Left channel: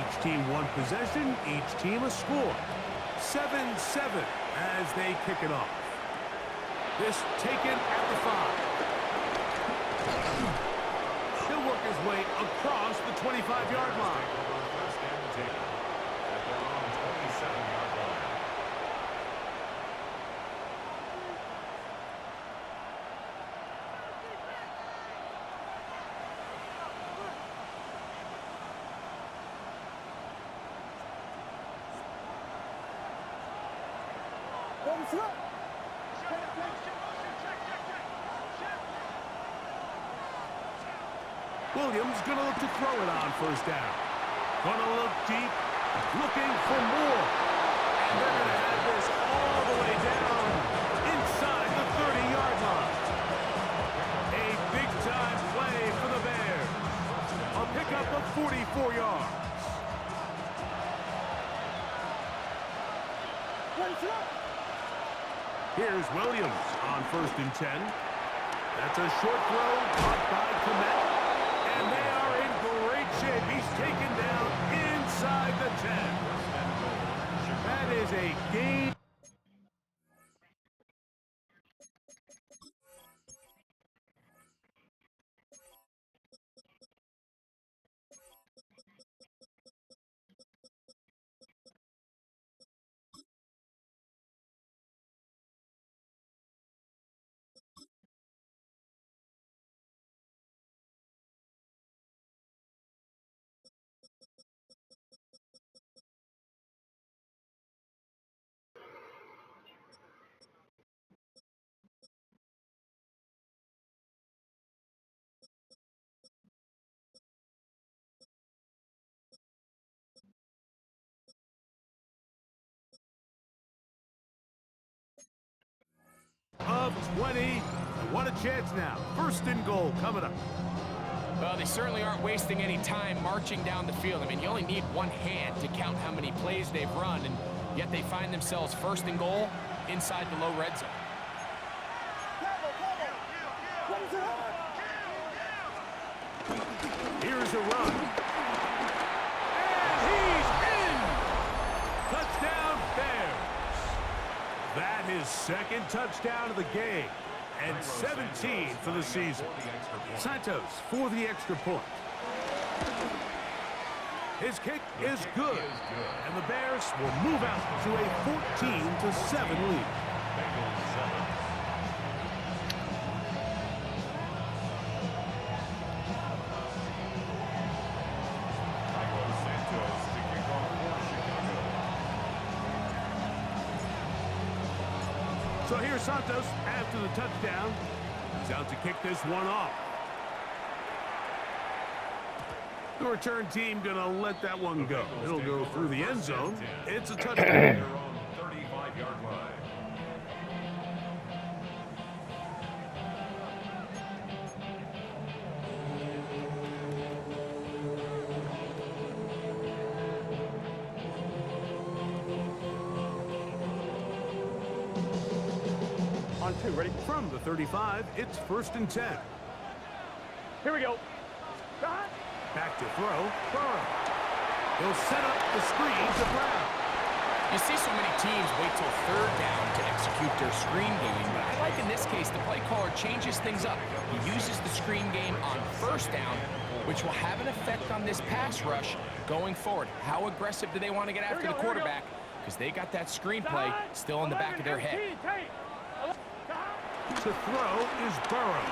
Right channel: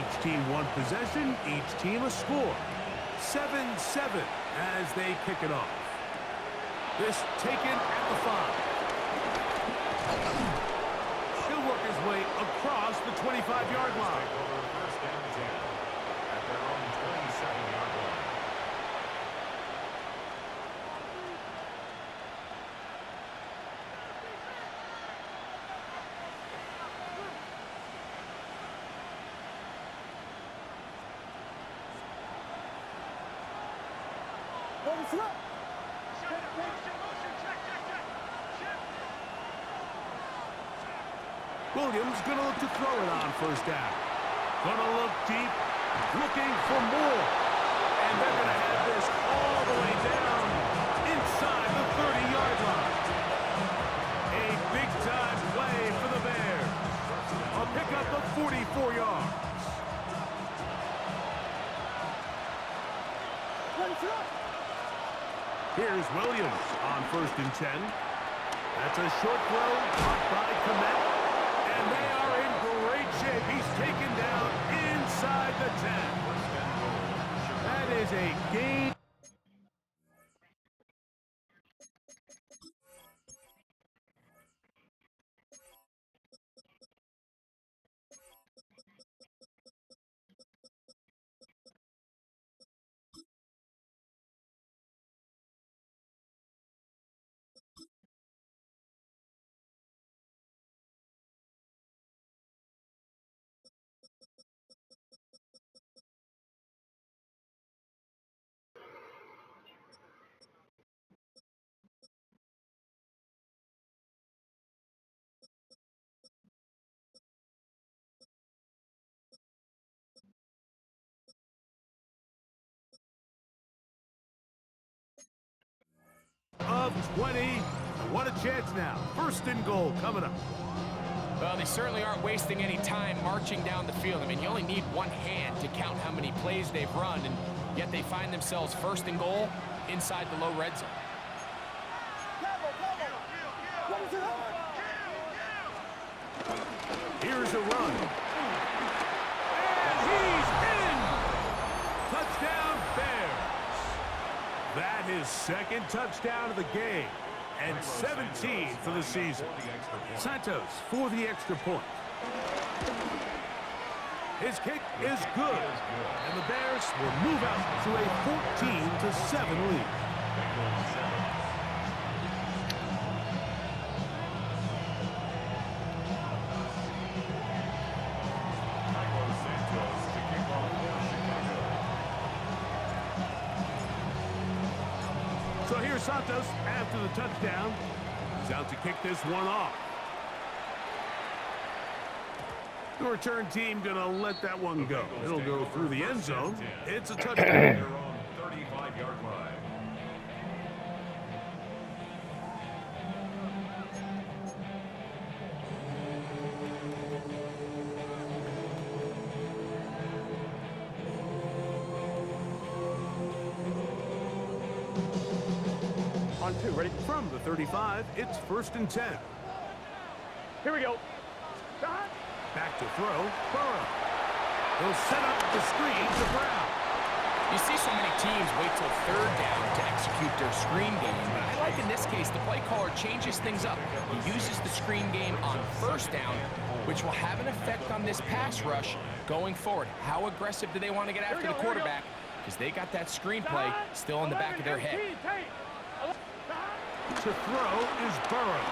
Each team one possession, each team a score. 7-7 as they kick it off. This taken at the 5. He'll work his way across the 25-yard line. First and 10 at their own 27-yard line. Williams gonna look to throw it on first down. Gonna look deep, looking for more. And they're gonna have this all the way down inside the 30-yard line. A big-time play for the Bears. A pickup of 44 yards. Here's Williams on first and 10. That's a short throw caught by Komet. And they are in great shape. He's taken down inside the 10. That is a gain. Of 20, and what a chance now. First and goal coming up. Well, they certainly aren't wasting any time marching down the field. I mean, you only need one hand to count how many plays they've run, and yet they find themselves first and goal inside the low red zone. Here's a run. And he's in! Touchdown, Bears. That is second touchdown of the game, and 17 for the season. Santos for the extra point. His kick is good, and the Bears will move out to a 14-7 lead. So here's Santos after the touchdown. He's out to kick this one off. The return team gonna let that one go. It'll go through the end zone. It's a touchdown. Their own 35-yard line. On 2, ready? From the 35, it's first and 10. Here we go. Back to throw, Burrow. He'll set up the screen to Brown. You see so many teams wait till third down to execute their screen game, but I like in this case the play caller changes things up. He uses the screen game on first down, which will have an effect on this pass rush going forward. How aggressive do they want to get after the quarterback? Because they got that screen play still in the back of their head. To throw is Burrow.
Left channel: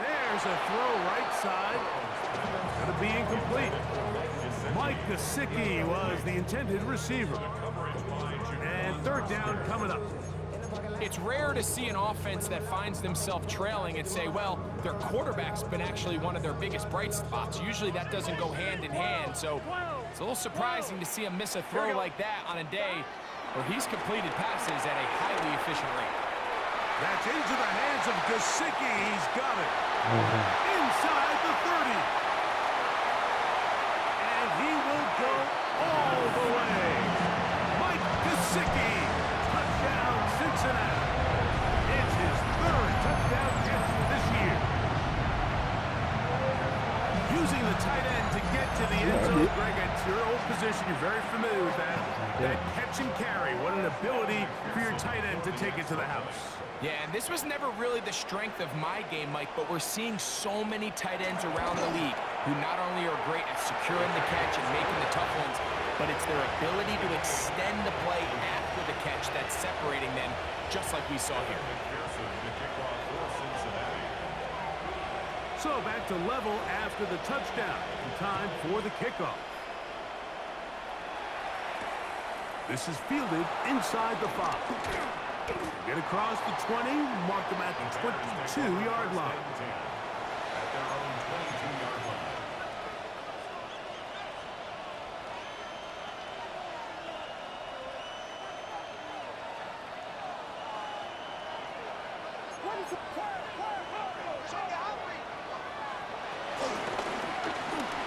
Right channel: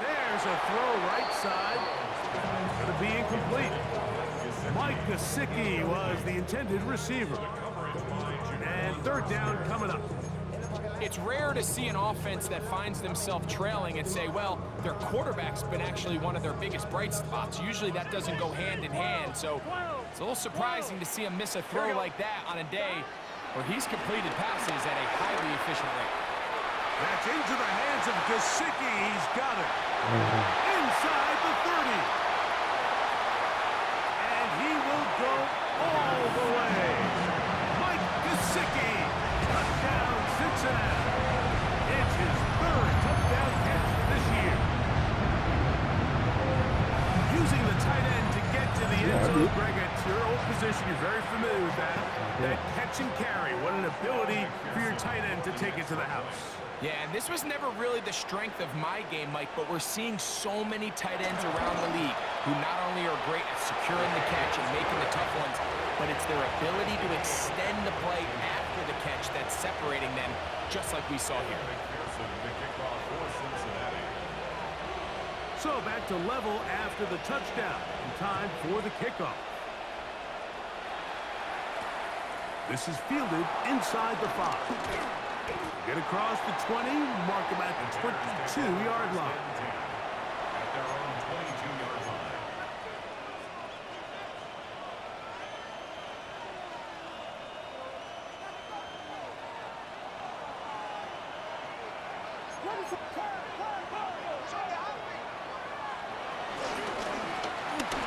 There's a throw right side. Going to be incomplete. Mike Gesicki was the intended receiver. And third down coming up. It's rare to see an offense that finds themselves trailing and say, well, their quarterback's been actually one of their biggest bright spots. Usually that doesn't go hand in hand, so it's a little surprising to see him miss a throw like that on a day where he's completed passes at a highly efficient rate. That's into the hands of Gesicki. He's got it. Inside the 30. And he will go all the way. Mike Gesicki. Touchdown, Cincinnati. It's his third touchdown catch this year. using the tight end to get to the end zone. Greg, it's your old position. You're very familiar with that. That catch and carry. What an ability for your tight end to take it to the house. Yeah, and this was never really the strength of my game, Mike, but we're seeing so many tight ends around the league who not only are great at securing the catch and making the tough ones, but it's their ability to extend the play after the catch that's separating them, just like we saw here. So back to level after the touchdown, and time for the kickoff. This is fielded inside the 5. Get across the 20, mark them at the 22-yard line. At their own 22-yard line.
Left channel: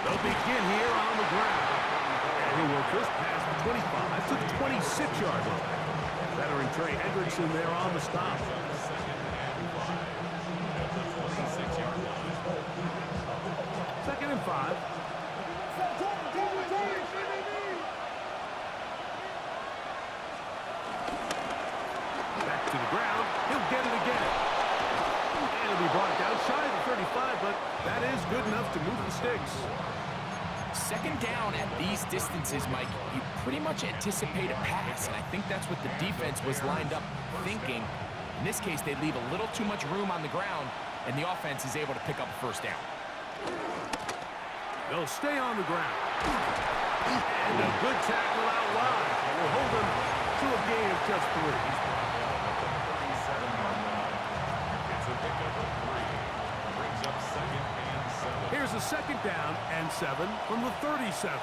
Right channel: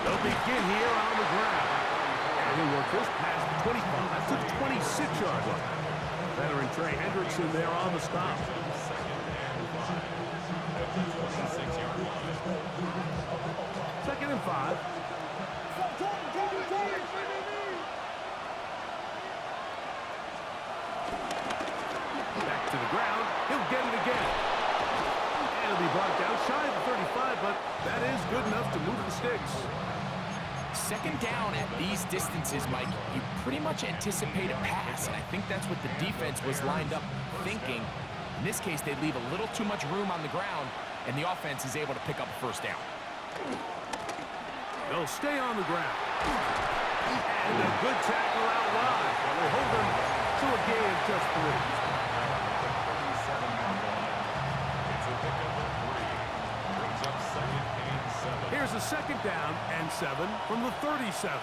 They'll begin here on the ground. And he'll work this past the 25 to the 26-yard line. Veteran Trey Hendrickson there on the stop. Second and 5 at the 26-yard line. Second and 5. Back to the ground. He'll get it again. And it'll be brought down shy of the 35, but that is good enough to move the sticks. Second down at these distances, Mike, you pretty much anticipate a pass, and I think that's what the defense was lined up thinking. In this case, they leave a little too much room on the ground, and the offense is able to pick up a first down. They'll stay on the ground. And a good tackle out wide. Will hold them to a gain of just 3. It's a pickup of 3. Brings up second and 7. Here's a second down and 7 from the 37.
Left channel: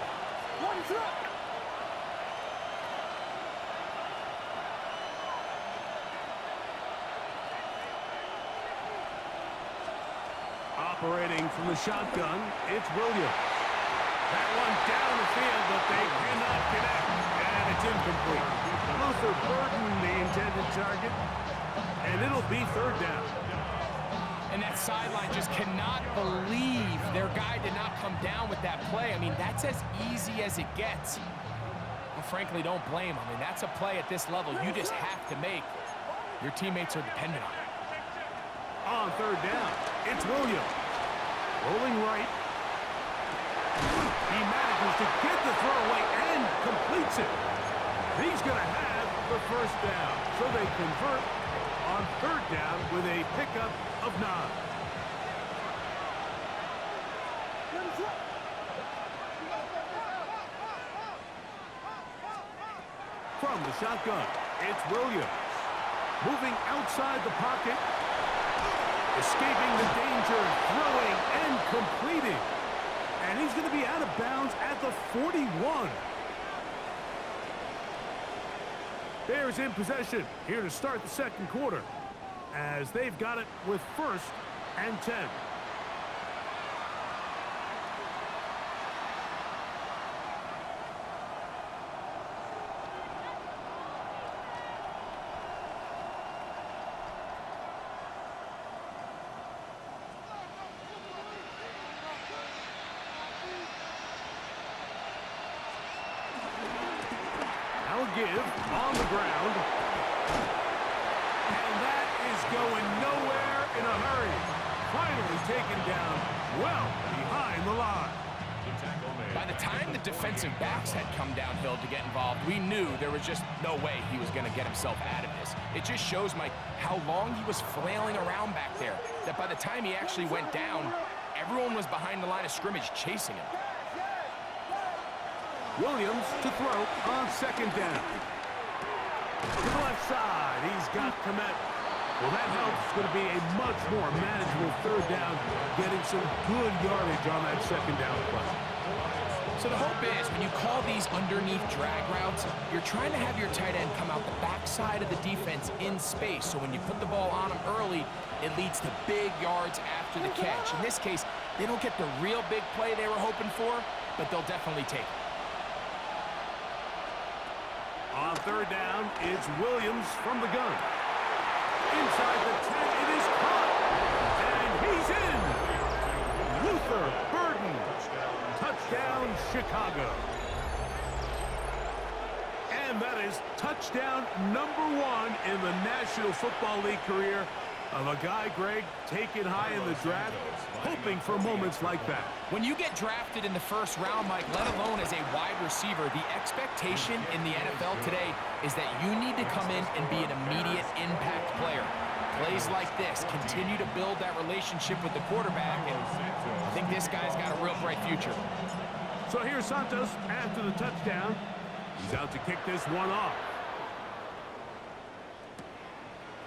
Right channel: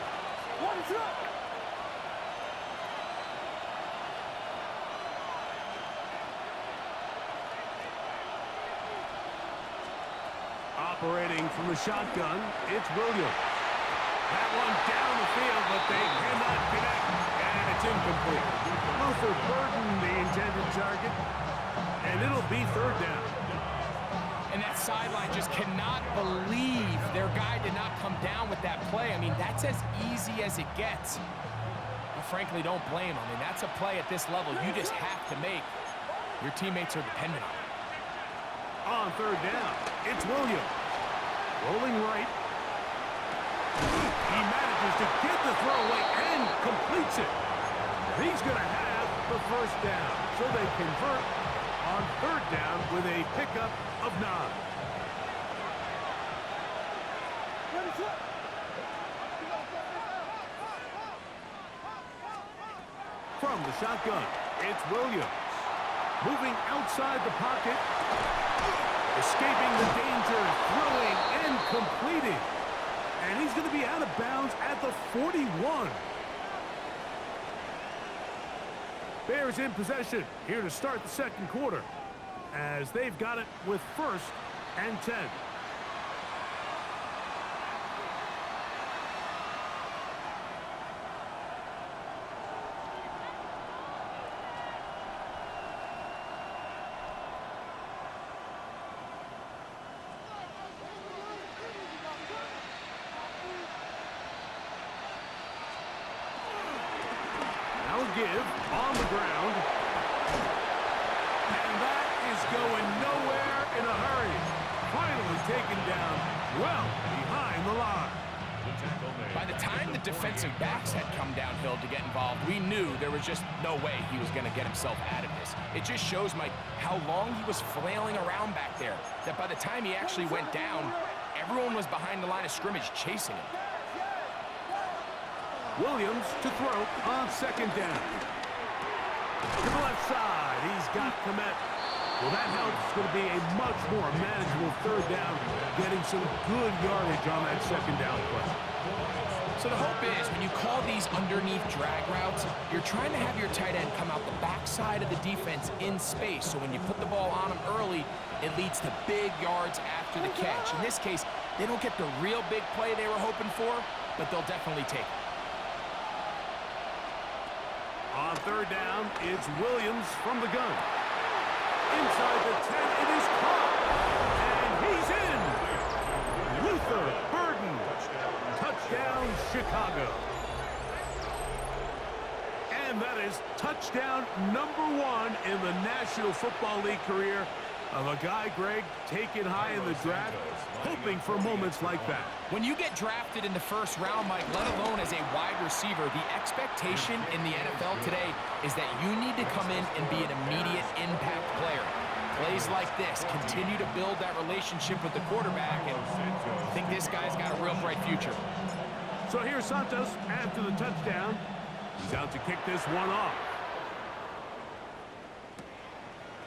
Operating from the shotgun, it's Williams. That one down the field, but they cannot connect, and it's incomplete. Luther burdened the intended target, and it'll be third down. And that sideline just cannot believe their guy did not come down with that play. I mean, that's as easy as it gets. I frankly don't blame him. I mean, that's a play at this level you just have to make. Your teammates are dependent on it. On third down, it's Williams. Rolling right. He manages to get the throw away and completes it. He's going to have the first down. So they convert on third down with a pickup of 9. From the shotgun, it's Williams. Moving outside the pocket. Escaping the danger, throwing and completing. And he's going to be out of bounds at the 41. Bears in possession here to start the second quarter, as they've got it with 1st and 10. Now a give on the ground. And that is going nowhere in a hurry. Finally taken down well behind the line. By the time the defensive backs had come downhill to get involved, we knew there was just no way he was going to get himself out of this. It just shows, Mike, how long he was flailing around back there, that by the time he actually went down, everyone was behind the line of scrimmage chasing him. Williams to throw on second down. To the left side, he's got Komet. Well, that helps. It's going to be a much more manageable third down, getting some good yardage on that second down play. So the hope is when you call these underneath drag routes, you're trying to have your tight end come out the backside of the defense in space. So when you put the ball on him early, it leads to big yards after the catch. In this case, they don't get the real big play they were hoping for, but they'll definitely take it. On third down, it's Williams from the gun. Inside the 10, it is caught. And he's in. Luther burdened Touchdown, Chicago. And that is touchdown number 1 in the National Football League career of a guy, Greg, taken high in the draft, hoping for moments like that. When you get drafted in the first round, Mike, let alone as a wide receiver, the expectation in the NFL today is that you need to come in and be an immediate impact player. Plays like this continue to build that relationship with the quarterback, and I think this guy's got a real bright future. So here's Santos after the touchdown. He's out to kick this one off.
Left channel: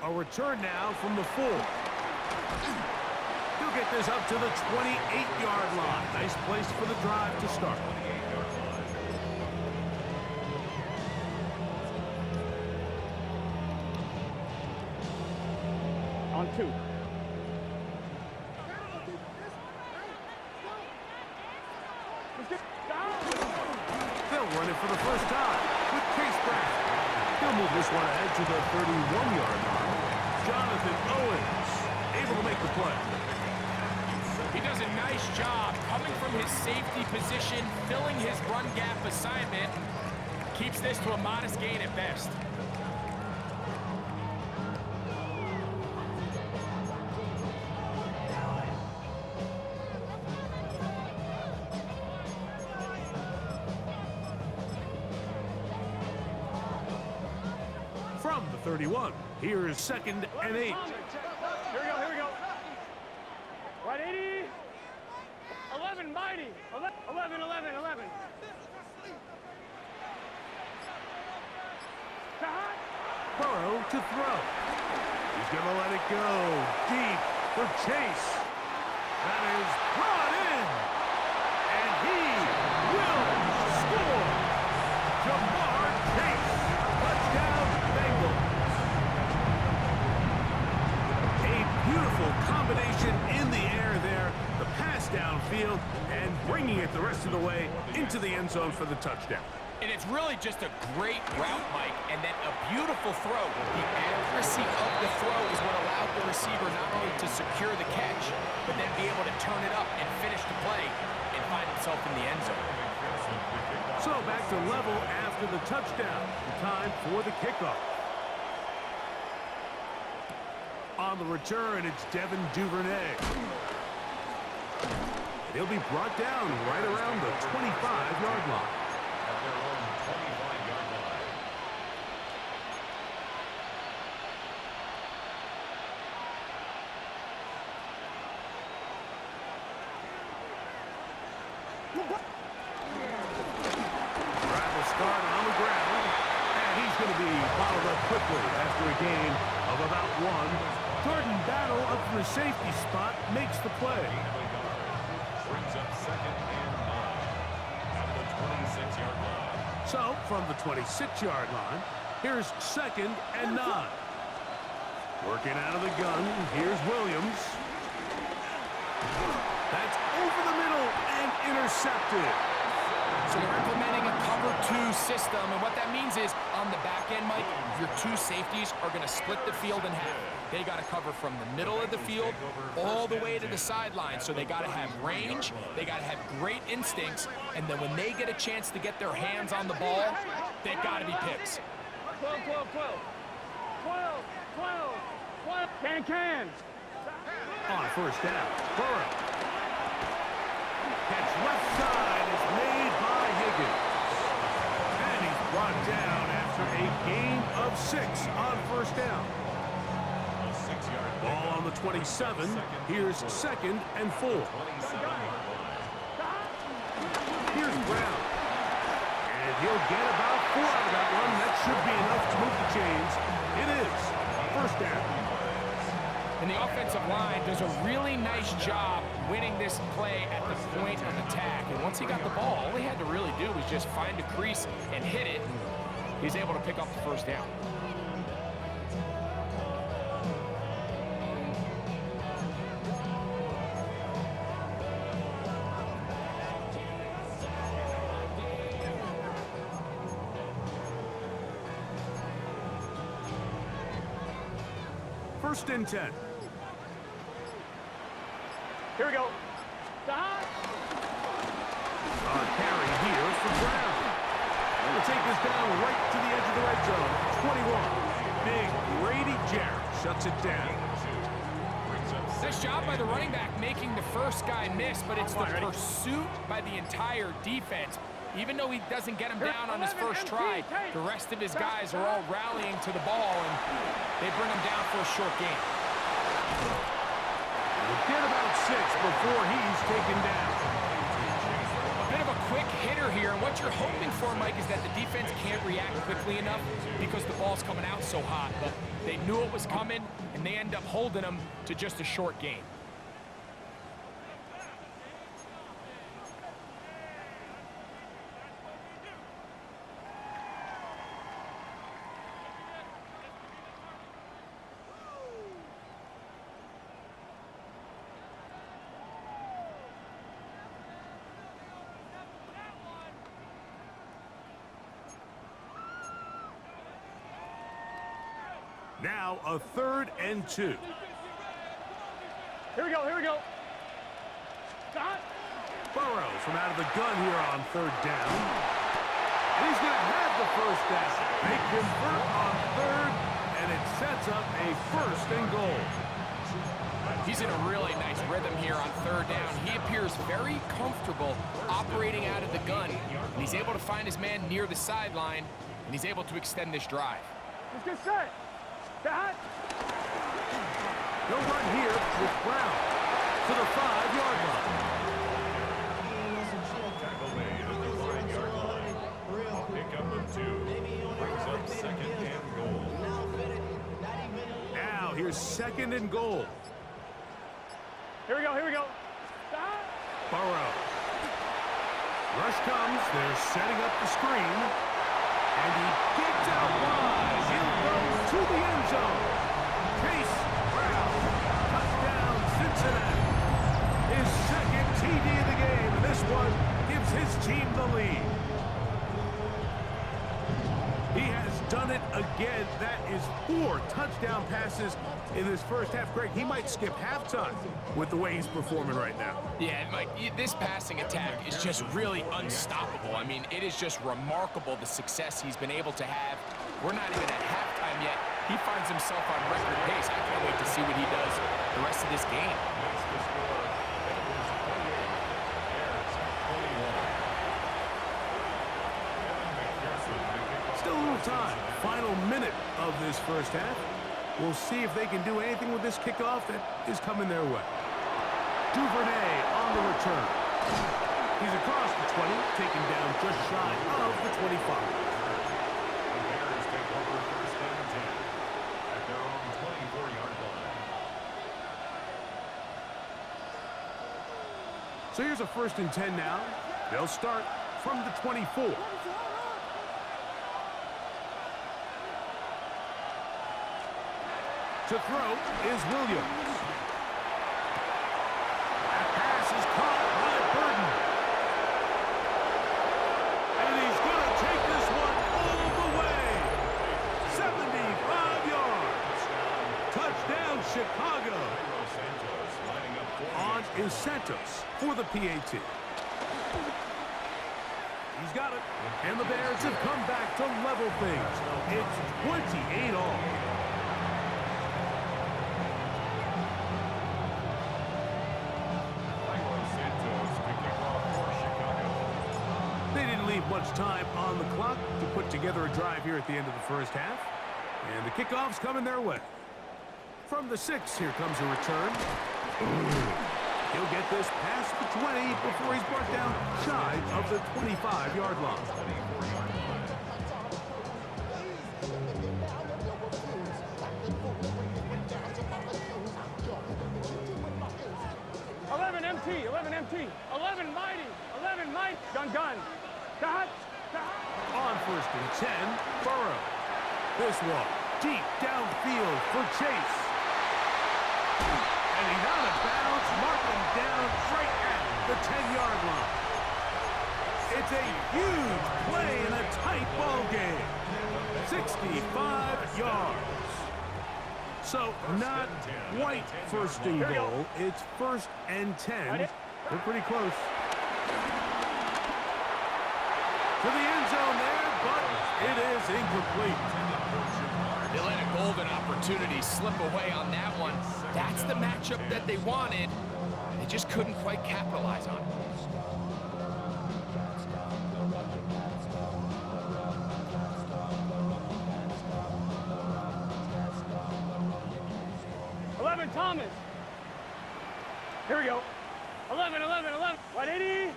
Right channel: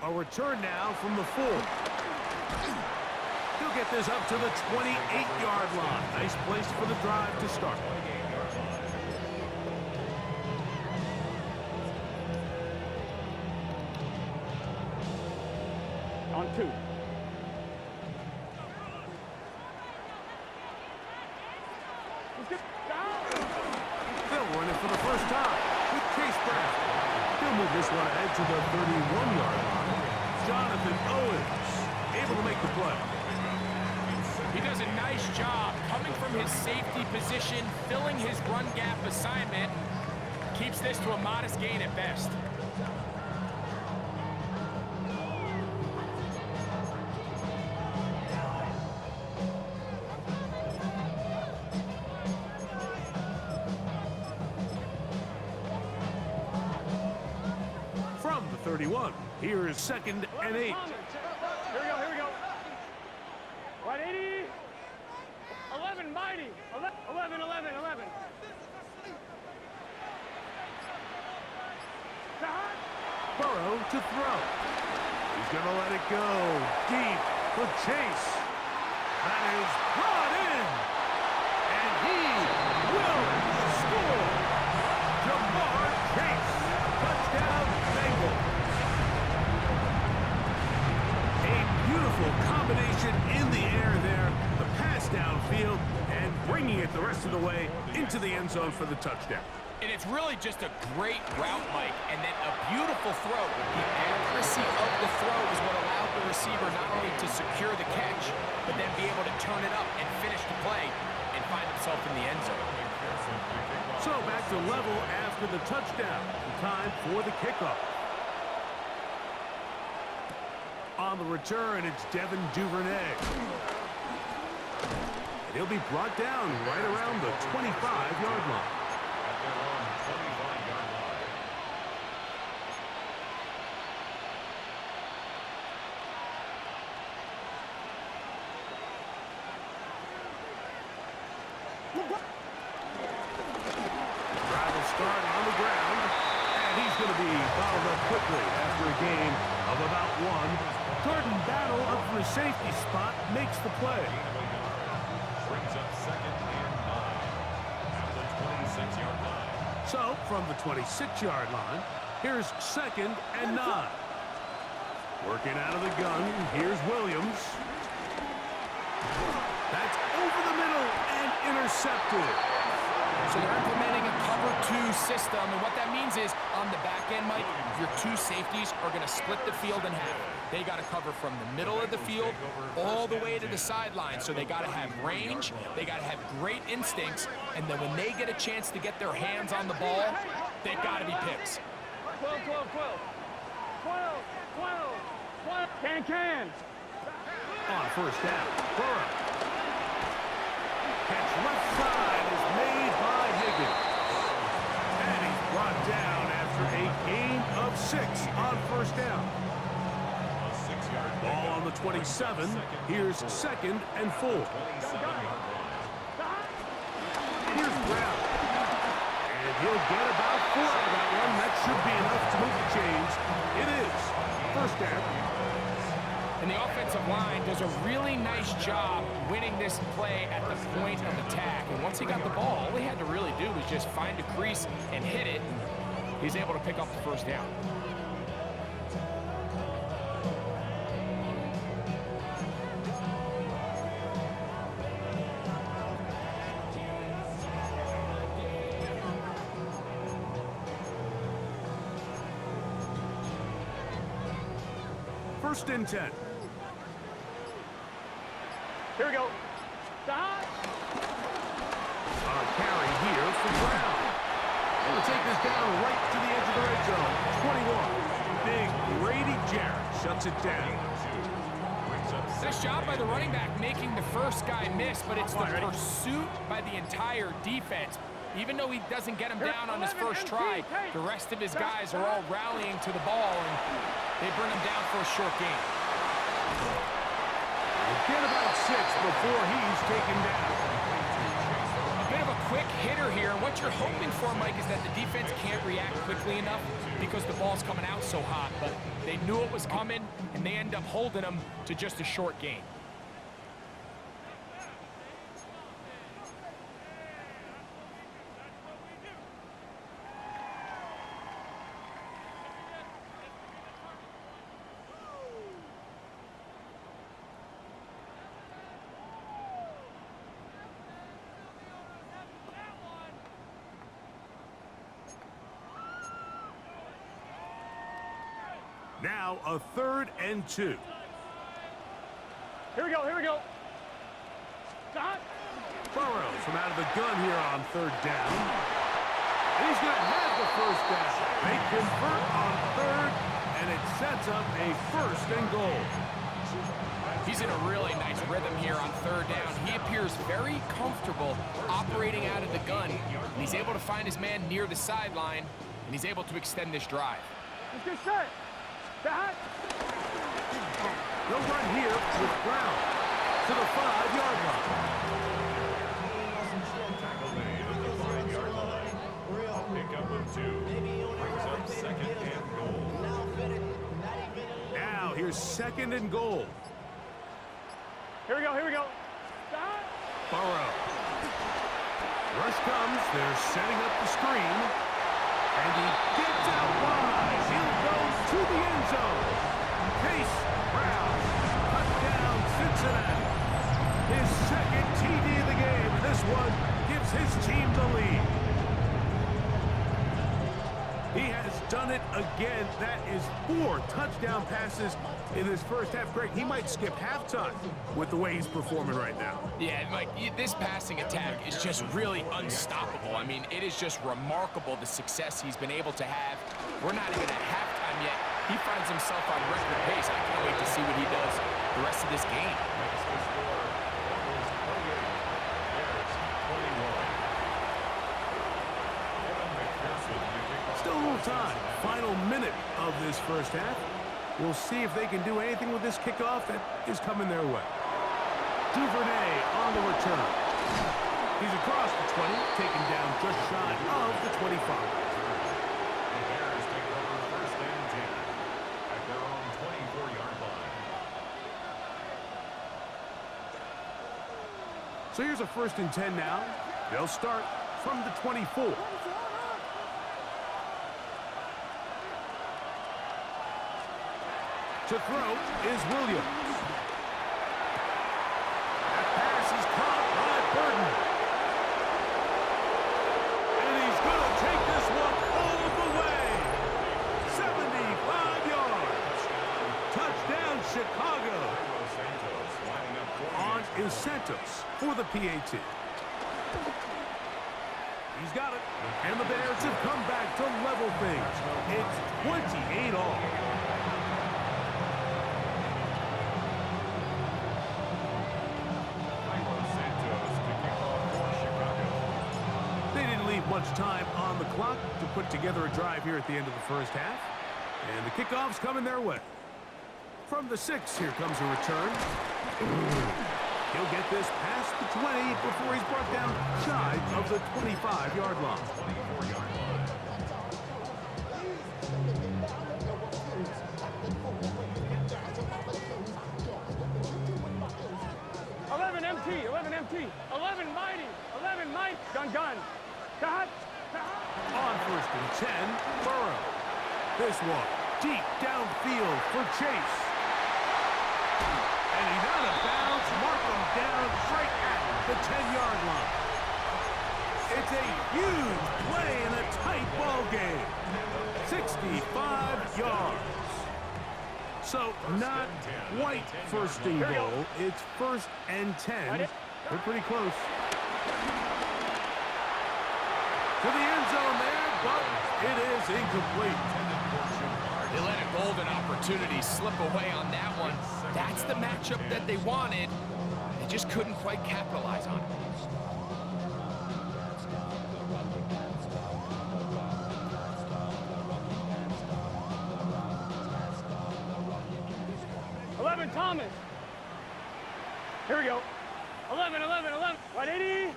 A return now from the 4. He'll get this up to the 28-yard line. Nice place for the drive to start. On 2. They'll run it for the first time with Chase Brown. He'll move this one ahead to the 31-yard line. Jonathan Owens able to make the play. He does a nice job coming from his safety position, filling his run gap assignment, and keeps this to a modest gain at best. From the 31, here is 2nd and 8. Here we go. 180. 11, mighty. 11. Burrow to throw. He's going to let it go deep for Chase. That is brought in. And he will score. Jamar Chase. Touchdown, Bengals. A beautiful combination in the air there. The pass downfield and bringing it the rest of the way into the end zone for the touchdown. And it's really just a great route, Mike, and then a beautiful throw. The accuracy of the throw is what allowed the receiver not only to secure the catch, but then be able to turn it up and finish the play and find himself in the end zone. So back to level after the touchdown. Time for the kickoff. On the return, it's Devin Duvernay. And he'll be brought down right around the 25-yard line. At their own 25-yard line. Drive will start on the ground, and he's going to be bottled up quickly after a gain of about 1. Jordan Battle up from the safety spot makes the play. Brings up 2nd and 9 at the 26-yard line. So, from the 26-yard line, here's 2nd and 9. Working out of the gun, here's Williams. That's over the middle and intercepted. So they're implementing a cover 2 system, and what that means is on the back end, Mike, your 2 safeties are going to split the field in half. They got to cover from the middle of the field all the way to the sideline. So they got to have range, they got to have great instincts, and then when they get a chance to get their hands on the ball, they've got to be picks. 12. Can. On first down, Burrow. Catch left side is made by Higgins. And he's brought down after a gain of 6 on first down. A 6-yard Ball on the 27. Here's 2nd and 4. 27-yard line. Here's Brown. And he'll get about 4 out of that one. That should be enough to move the chains. It is first down. And the offensive line does a really nice job winning this play at the point of attack. And once he got the ball, all he had to really do was just find a crease and hit it. And he's able to pick up the first down. First and 10. Here we go. Carry here for Brown. Able to take this down right to the edge of the red zone. 21. Big Grady Jarrett shuts it down. Nice job by the running back making the first guy miss, but it's the pursuit by the entire defense. Even though he doesn't get him down on his first try, the rest of his guys are all rallying to the ball, and they bring him down for a short gain. We'll get about 6 before he's taken down. A bit of a quick hitter here, and what you're hoping for, Mike, is that the defense can't react quickly enough because the ball's coming out so hot, but they knew it was coming, and they end up holding him to just a short gain. Now a 3rd and 2. Here we go, here we go. Dot. Burrows from out of the gun here on 3rd down. And he's going to have the first down. They convert on 3rd, and it sets up a 1st and goal. He's in a really nice rhythm here on 3rd down. He appears very comfortable operating out of the gun, and he's able to find his man near the sideline, and he's able to extend this drive. Let's get set. Dot. They'll run here with Brown to the 5-yard line. Tackle made at the 5-yard line. A pickup of 2 brings up 2nd and goal. Now here's 2nd and goal. Here we go, here we go. Dot. Burrow. Rush comes. They're setting up the screen. And he gets out wide. He'll go to the end zone. Chase Brown. Touchdown, Cincinnati. His 2nd TD of the game, and this one gives his team the lead. He has done it again. That is 4 touchdown passes in this first half. Greg, he might skip halftime with the way he's performing right now. Yeah, Mike, this passing attack is just really unstoppable. I mean, it is just remarkable the success he's been able to have. We're not even at halftime yet. He finds himself on record pace. I can't wait to see what he does the rest of this game. Makes the score. That is 28. Bears 21. Evan McPherson to kick off. Still a little time. Final minute of this first half. We'll see if they can do anything with this kickoff that is coming their way. Duvernay on the return. He's across the 20, taken down just shy of the 25. The Bears take over 1st and 10 at their own 24-yard line. So here's a 1st and 10 now. They'll start from the 24. To throw is Williams. That pass is caught by Burden. And he's going to take this one all the way. 75 yards. Touchdown, Chicago. On is Santos for the PAT. He's got it. And the Bears have come back to level things. It's 28 all. Much time on the clock to put together a drive here at the end of the first half. And the kickoff's coming their way. From the 6, here comes a return. He'll get this past the 20 before he's brought down shy of the 25-yard line. 24-yard line. 11 MT, 11 MT, 11 mighty, 11 might, gun. Dot. On 1st and 10, Burrow. This one deep downfield for Chase. And he's out of bounds, mark him down right at the 10-yard line. It's a huge play in a tight ball game. 65 yards. So not quite 1st and goal. It's 1st and 10. They're pretty close. To the end zone there, but it is incomplete. They let a golden opportunity slip away on that one. That's the matchup that they wanted. They just couldn't quite capitalize on it. Thomas. Here we go. 11, 11, 11. 180.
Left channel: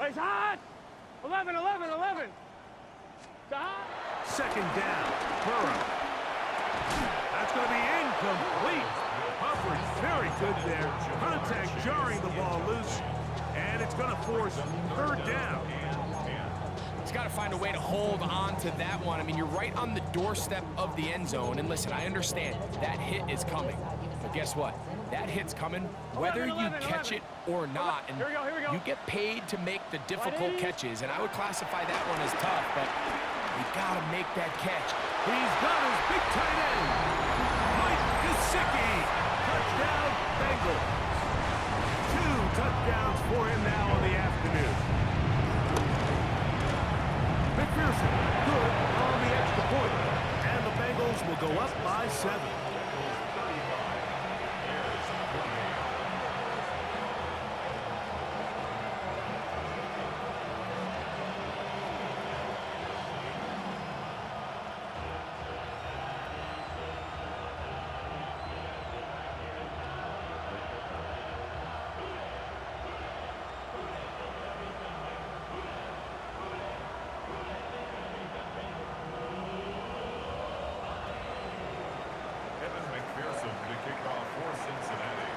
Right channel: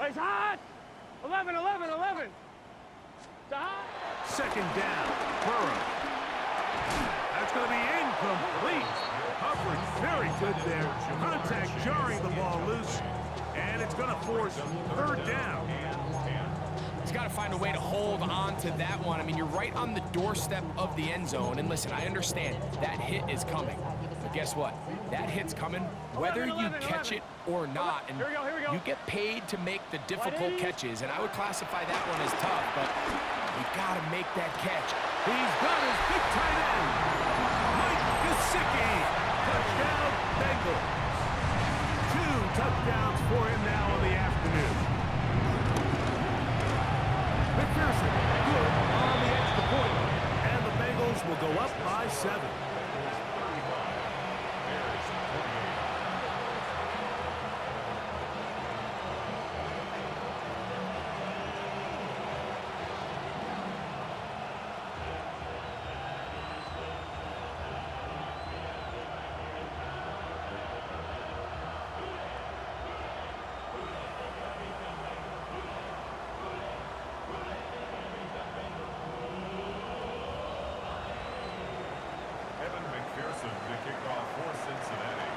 It's hot. 11, 11, 11. It's hot. Second down. Burrow. That's going to be incomplete. Coverage very good there. Contact jarring the ball loose. And it's going to force third down. He's got to find a way to hold on to that one. I mean, you're right on the doorstep of the end zone. And listen, I understand that hit is coming. But guess what? That hit's coming whether you catch it or not. And you get paid to make the difficult catches. And I would classify that one as tough, but you got to make that catch. He's got his big tight end, Mike Gesicki. Touchdown, Bengals. 2 touchdowns for him now on the afternoon. McPherson, good on the extra point. And the Bengals will go up by 7. McPherson to kick off for Cincinnati.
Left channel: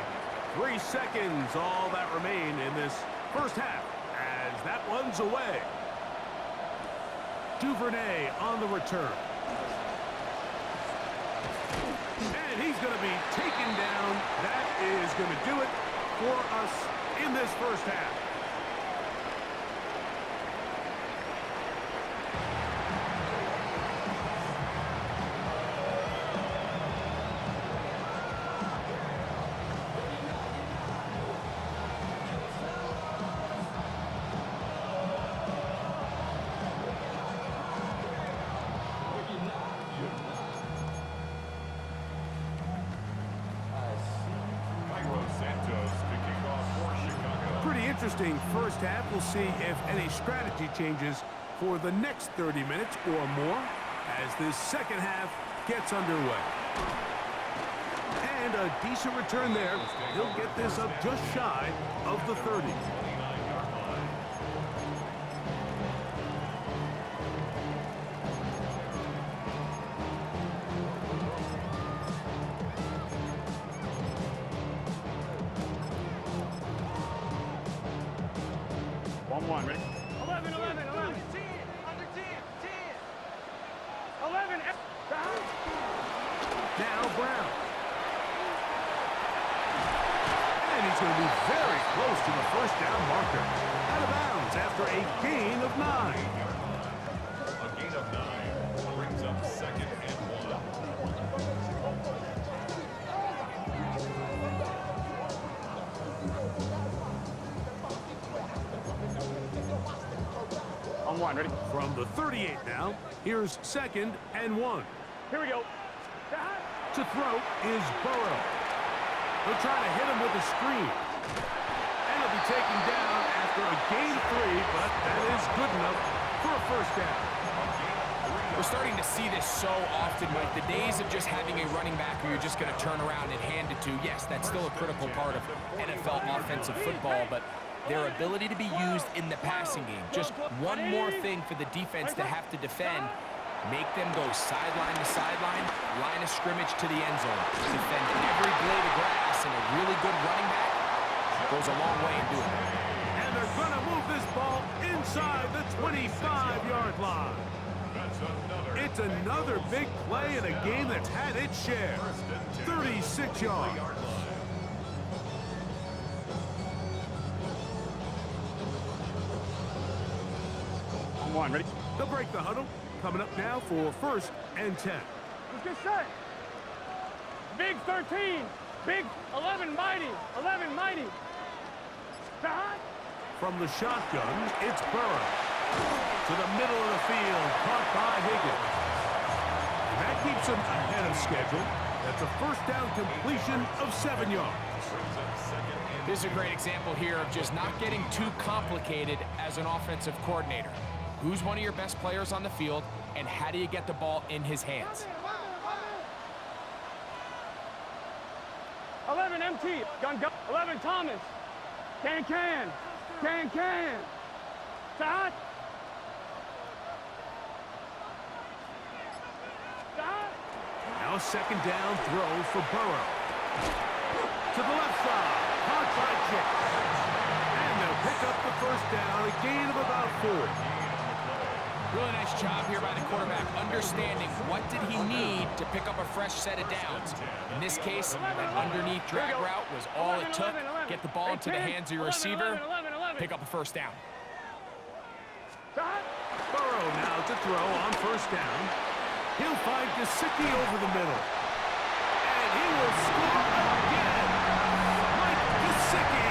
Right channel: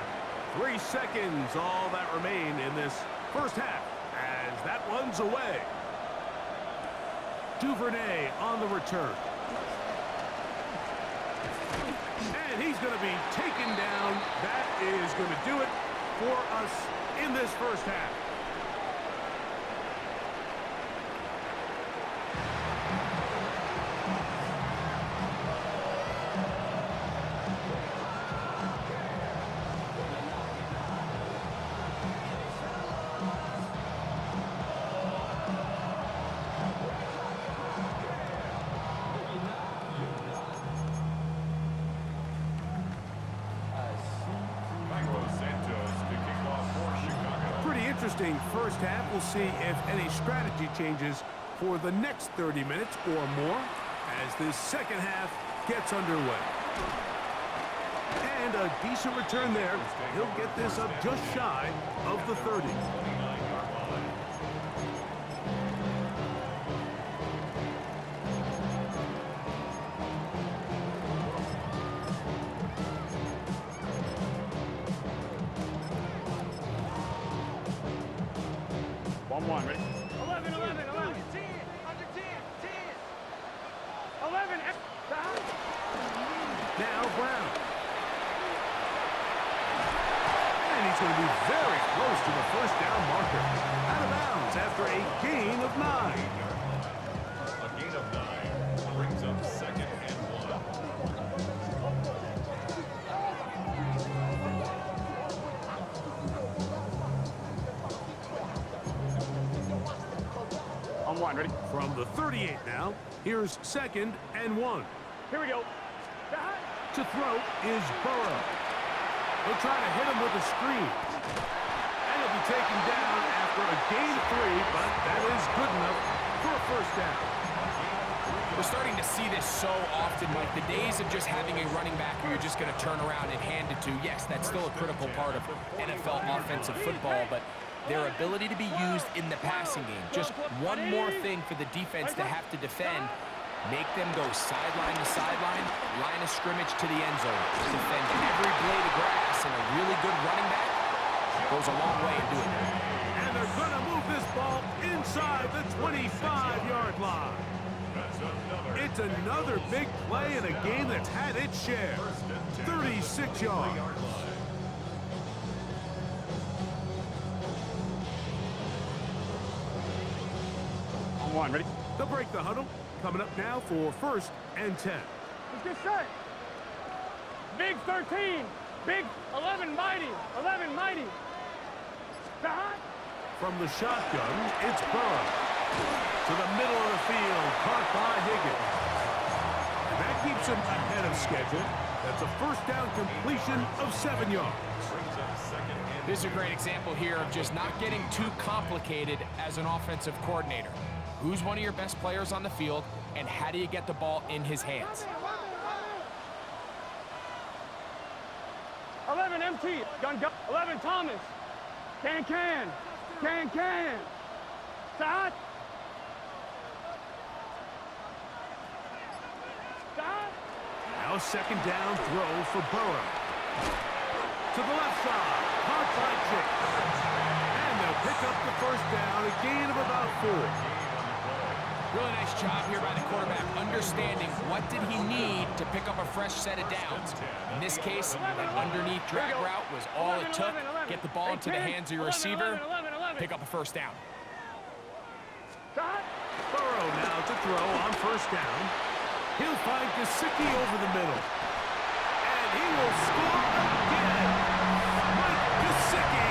3 seconds, all that remain in this first half, as that one's away. Duvernay on the return. And he's going to be taken down. That is going to do it for us in this first half. Pretty interesting first half. We'll see if any strategy changes for the next 30 minutes or more as this second half gets underway. And a decent return there. He'll get this up just shy of the 30. One, ready? 11, 11, 11. Under 10, 10. 11, now Brown. And he's going to be very close to the first down marker. Out of bounds after a gain of 9. A gain of 9 brings up 2nd and 1. On 1, ready? From the 38 now, here's 2nd and 1. Here we go. To throw is Burrow. He'll try to hit him with a screen. And he'll be taken down after a gain of 3, but that is good enough for a first down. We're starting to see this so often, Mike. The days of just having a running back who you're just going to turn around and hand it to, yes, that's still a critical part of NFL offensive football, but their ability to be used in the passing game. Just one more thing for the defense to have to defend. Make them go sideline to sideline, line of scrimmage to the end zone. Defend every blade of grass, and a really good running back goes a long way in doing that. And they're going to move this ball inside the 25-yard line. It's another big play in a game that's had its share. 36 yards. On 1, ready? They'll break the huddle. Coming up now for 1st and 10. Let's get set. Big 13. Big 11 mighty. 11 mighty. From the shotgun, it's Burrow. To the middle of the field, caught by Higgins. And that keeps him ahead of schedule. That's a first down completion of 7 yards. This is a great example here of just not getting too complicated as an offensive coordinator. Who's one of your best players on the field, and how do you get the ball in his hands? 11 MT, gun. 11 Thomas, can. Start. Now second down throw for Burrow. To the left side, caught by Chase. And they'll pick up the first down, a gain of about 4. Really nice job here by the quarterback, understanding what did he need to pick up a fresh set of downs. In this case, that underneath drag route was all it took. Get the ball into the hands of your receiver, pick up a first down. Burrow now to throw on first down. He'll find Gesicki over the middle. And he will score again. Mike Gesicki.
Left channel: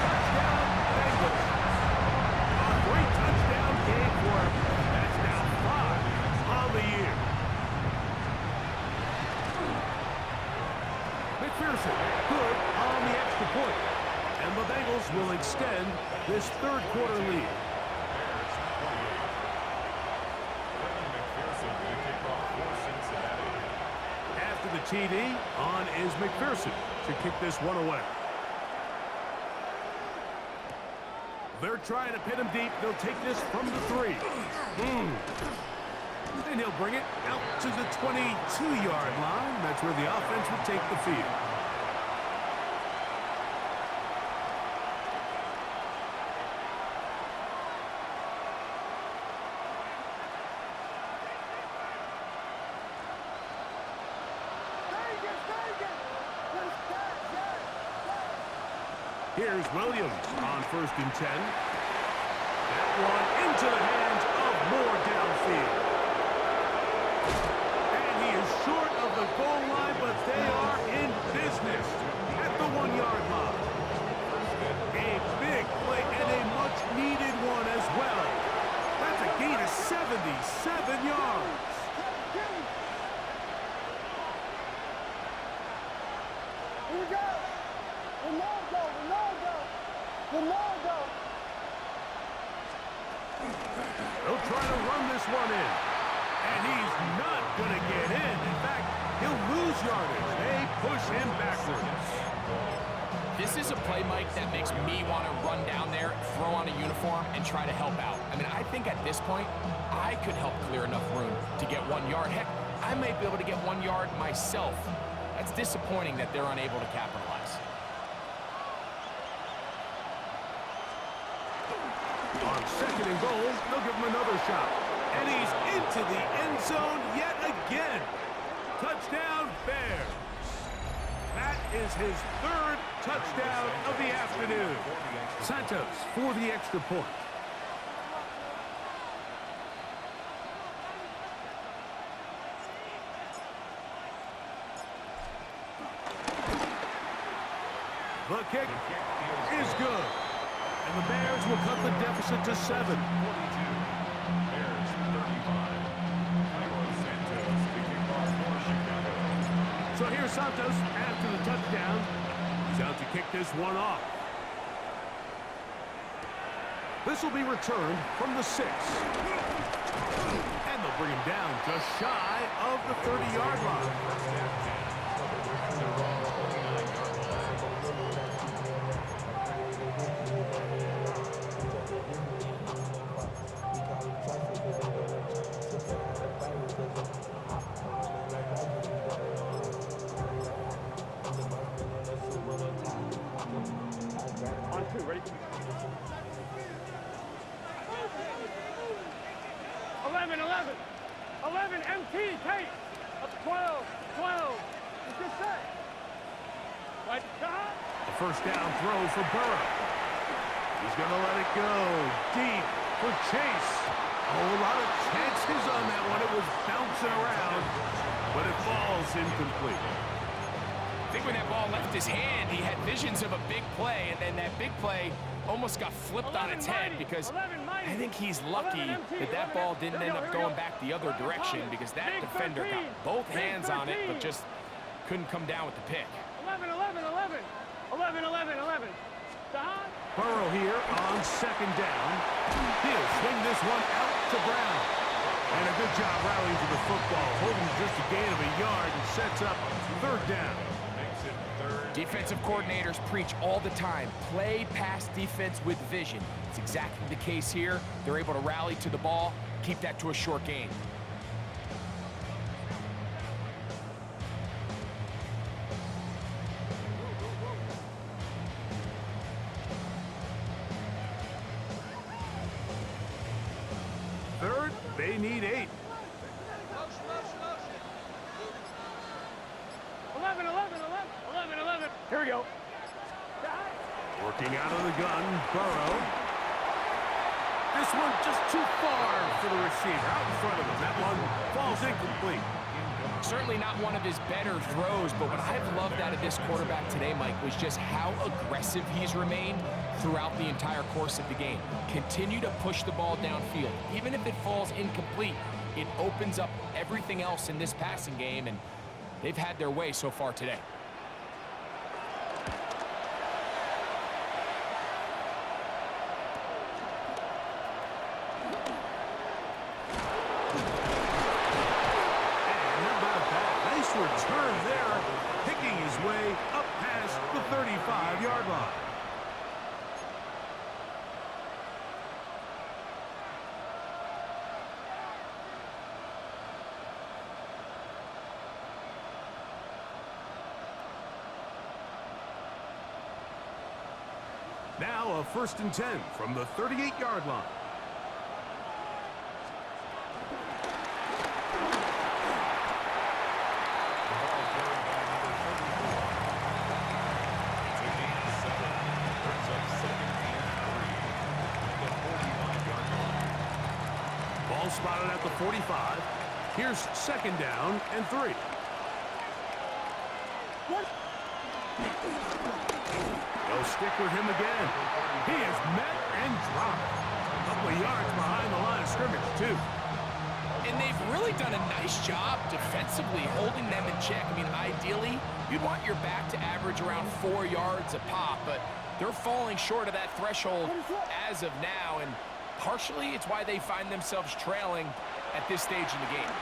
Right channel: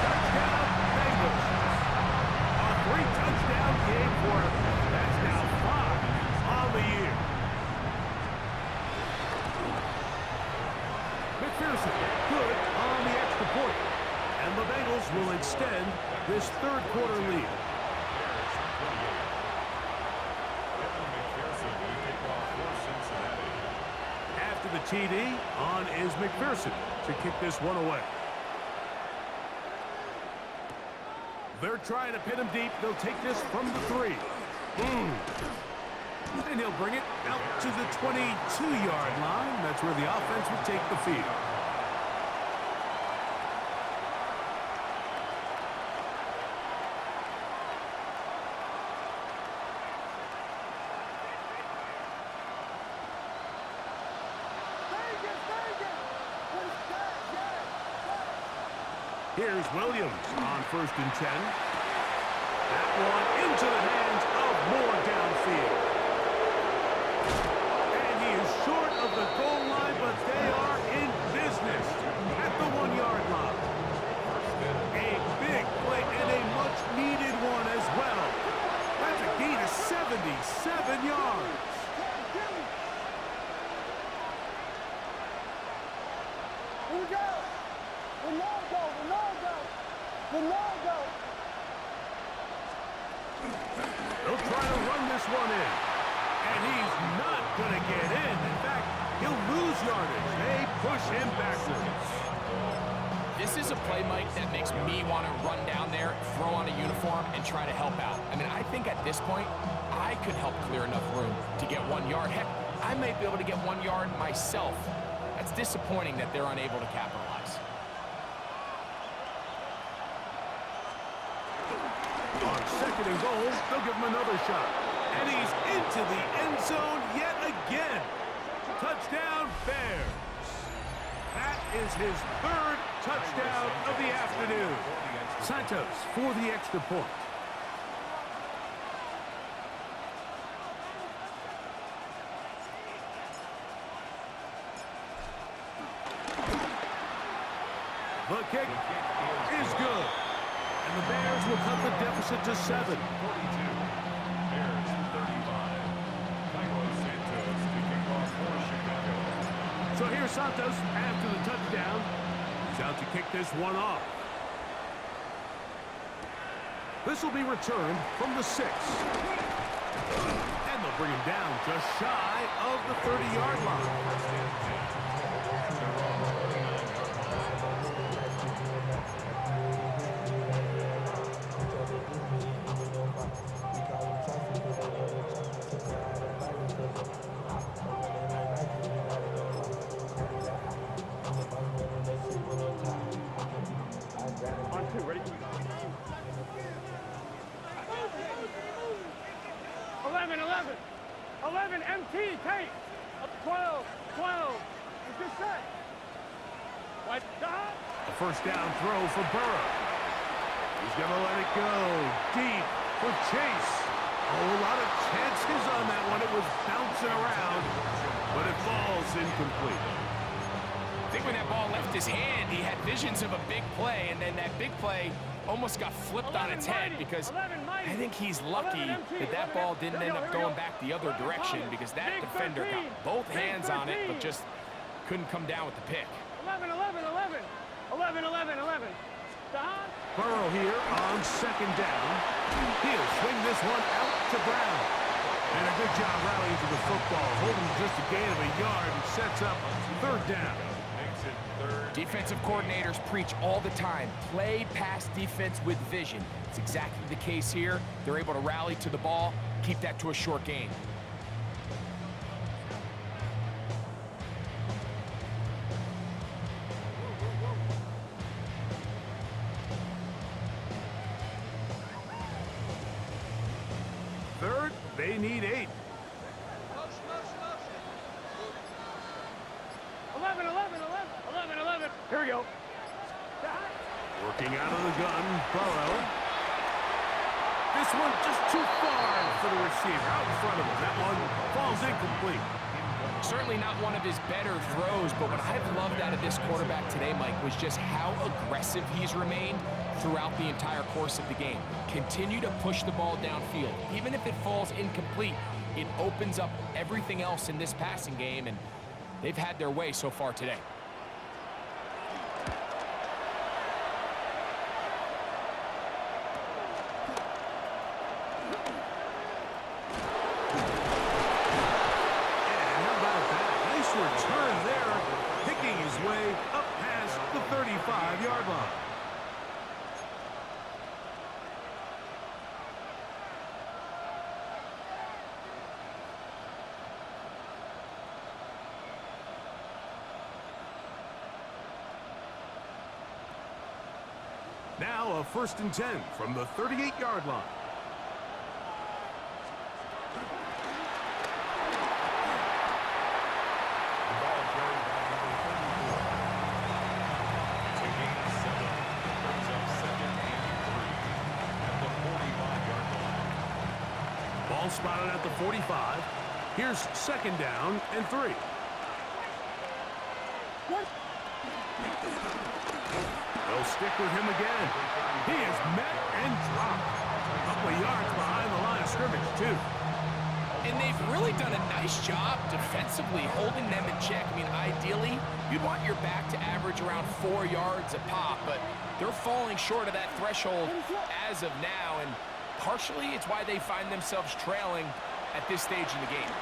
Touchdown, Bengals. A 3-touchdown game for him. That's now 5 on the year. McPherson, good on the extra point. And the Bengals will extend this third quarter lead. After the TD, on is McPherson to kick this one away. They're trying to pin him deep. They'll take this from the 3. And he'll bring it out to the 22-yard line. That's where the offense will take the field. Here's Williams on 1st and 10. That one into the hands of Moore downfield. And he is short of the goal line, but they are in business at the 1-yard line. A big play and a much-needed one as well. That's a gain of 77 yards. Here we go. Ronaldo. They'll try to run this one in. And he's not going to get in. In fact, he'll lose yardage. They push him backwards. This is a play, Mike, that makes me want to run down there, throw on a uniform, and try to help out. I mean, I think at this point, I could help clear enough room to get 1 yard. Heck, I might be able to get 1 yard myself. That's disappointing that they're unable to capitalize. On 2nd and goal, they'll give him another shot. And he's into the end zone yet again. Touchdown, Bears. That is his 3rd touchdown of the afternoon. Santos for the extra point. The kick is good. And the Bears will cut the deficit to 7. 42. Bears 35. Santos to kick off for Chicago. So here's Santos after the touchdown. He's out to kick this one off. This will be returned from the 6. And they'll bring him down just shy of the 30-yard line. At their own 29-yard line. On 2, ready? 11 MT, Tate. 12. It's good set. What? A first down throw for Burrow. He's going to let it go deep for Chase. Oh, a lot of chances on that one. It was bouncing around, but it falls incomplete. I think when that ball left his hand, he had visions of a big play, and then that big play almost got flipped on its head because I think he's lucky that that ball didn't end up going back the other direction because that defender got both hands on it but just couldn't come down with the pick. 11, 11, 11. 11, 11, 11. Burrow here on second down. He'll swing this one out to Brown. And a good job rallying to the football, holding just a gain of a yard and sets up third down. Makes it third. Defensive coordinators preach all the time, play pass defense with vision. It's exactly the case here. They're able to rally to the ball, keep that to a short gain. Third, they need 8. 11, 11, 11. 11, 11. Here we go. Working out of the gun, Burrow. This one just too far for the receiver, out in front of him. That one falls incomplete. Certainly not one of his better throws, but what I've loved out of this quarterback today, Mike, was just how aggressive he's remained throughout the entire course of the game. Continue to push the ball downfield. Even if it falls incomplete, it opens up everything else in this passing game, and they've had their way so far today. Return there, picking his way up past the 35-yard line. Now a 1st and 10 from the 38-yard line. Ball spotted at the 45. Here's 2nd down and 3. They'll stick with him again. He is met and dropped. A couple of yards behind the line of scrimmage, too. And they've really done a nice job defensively holding them in check. I mean, ideally, you'd want your back to average around 4 yards a pop, but they're falling short of that threshold as of now, and partially it's why they find themselves trailing at this stage in the game.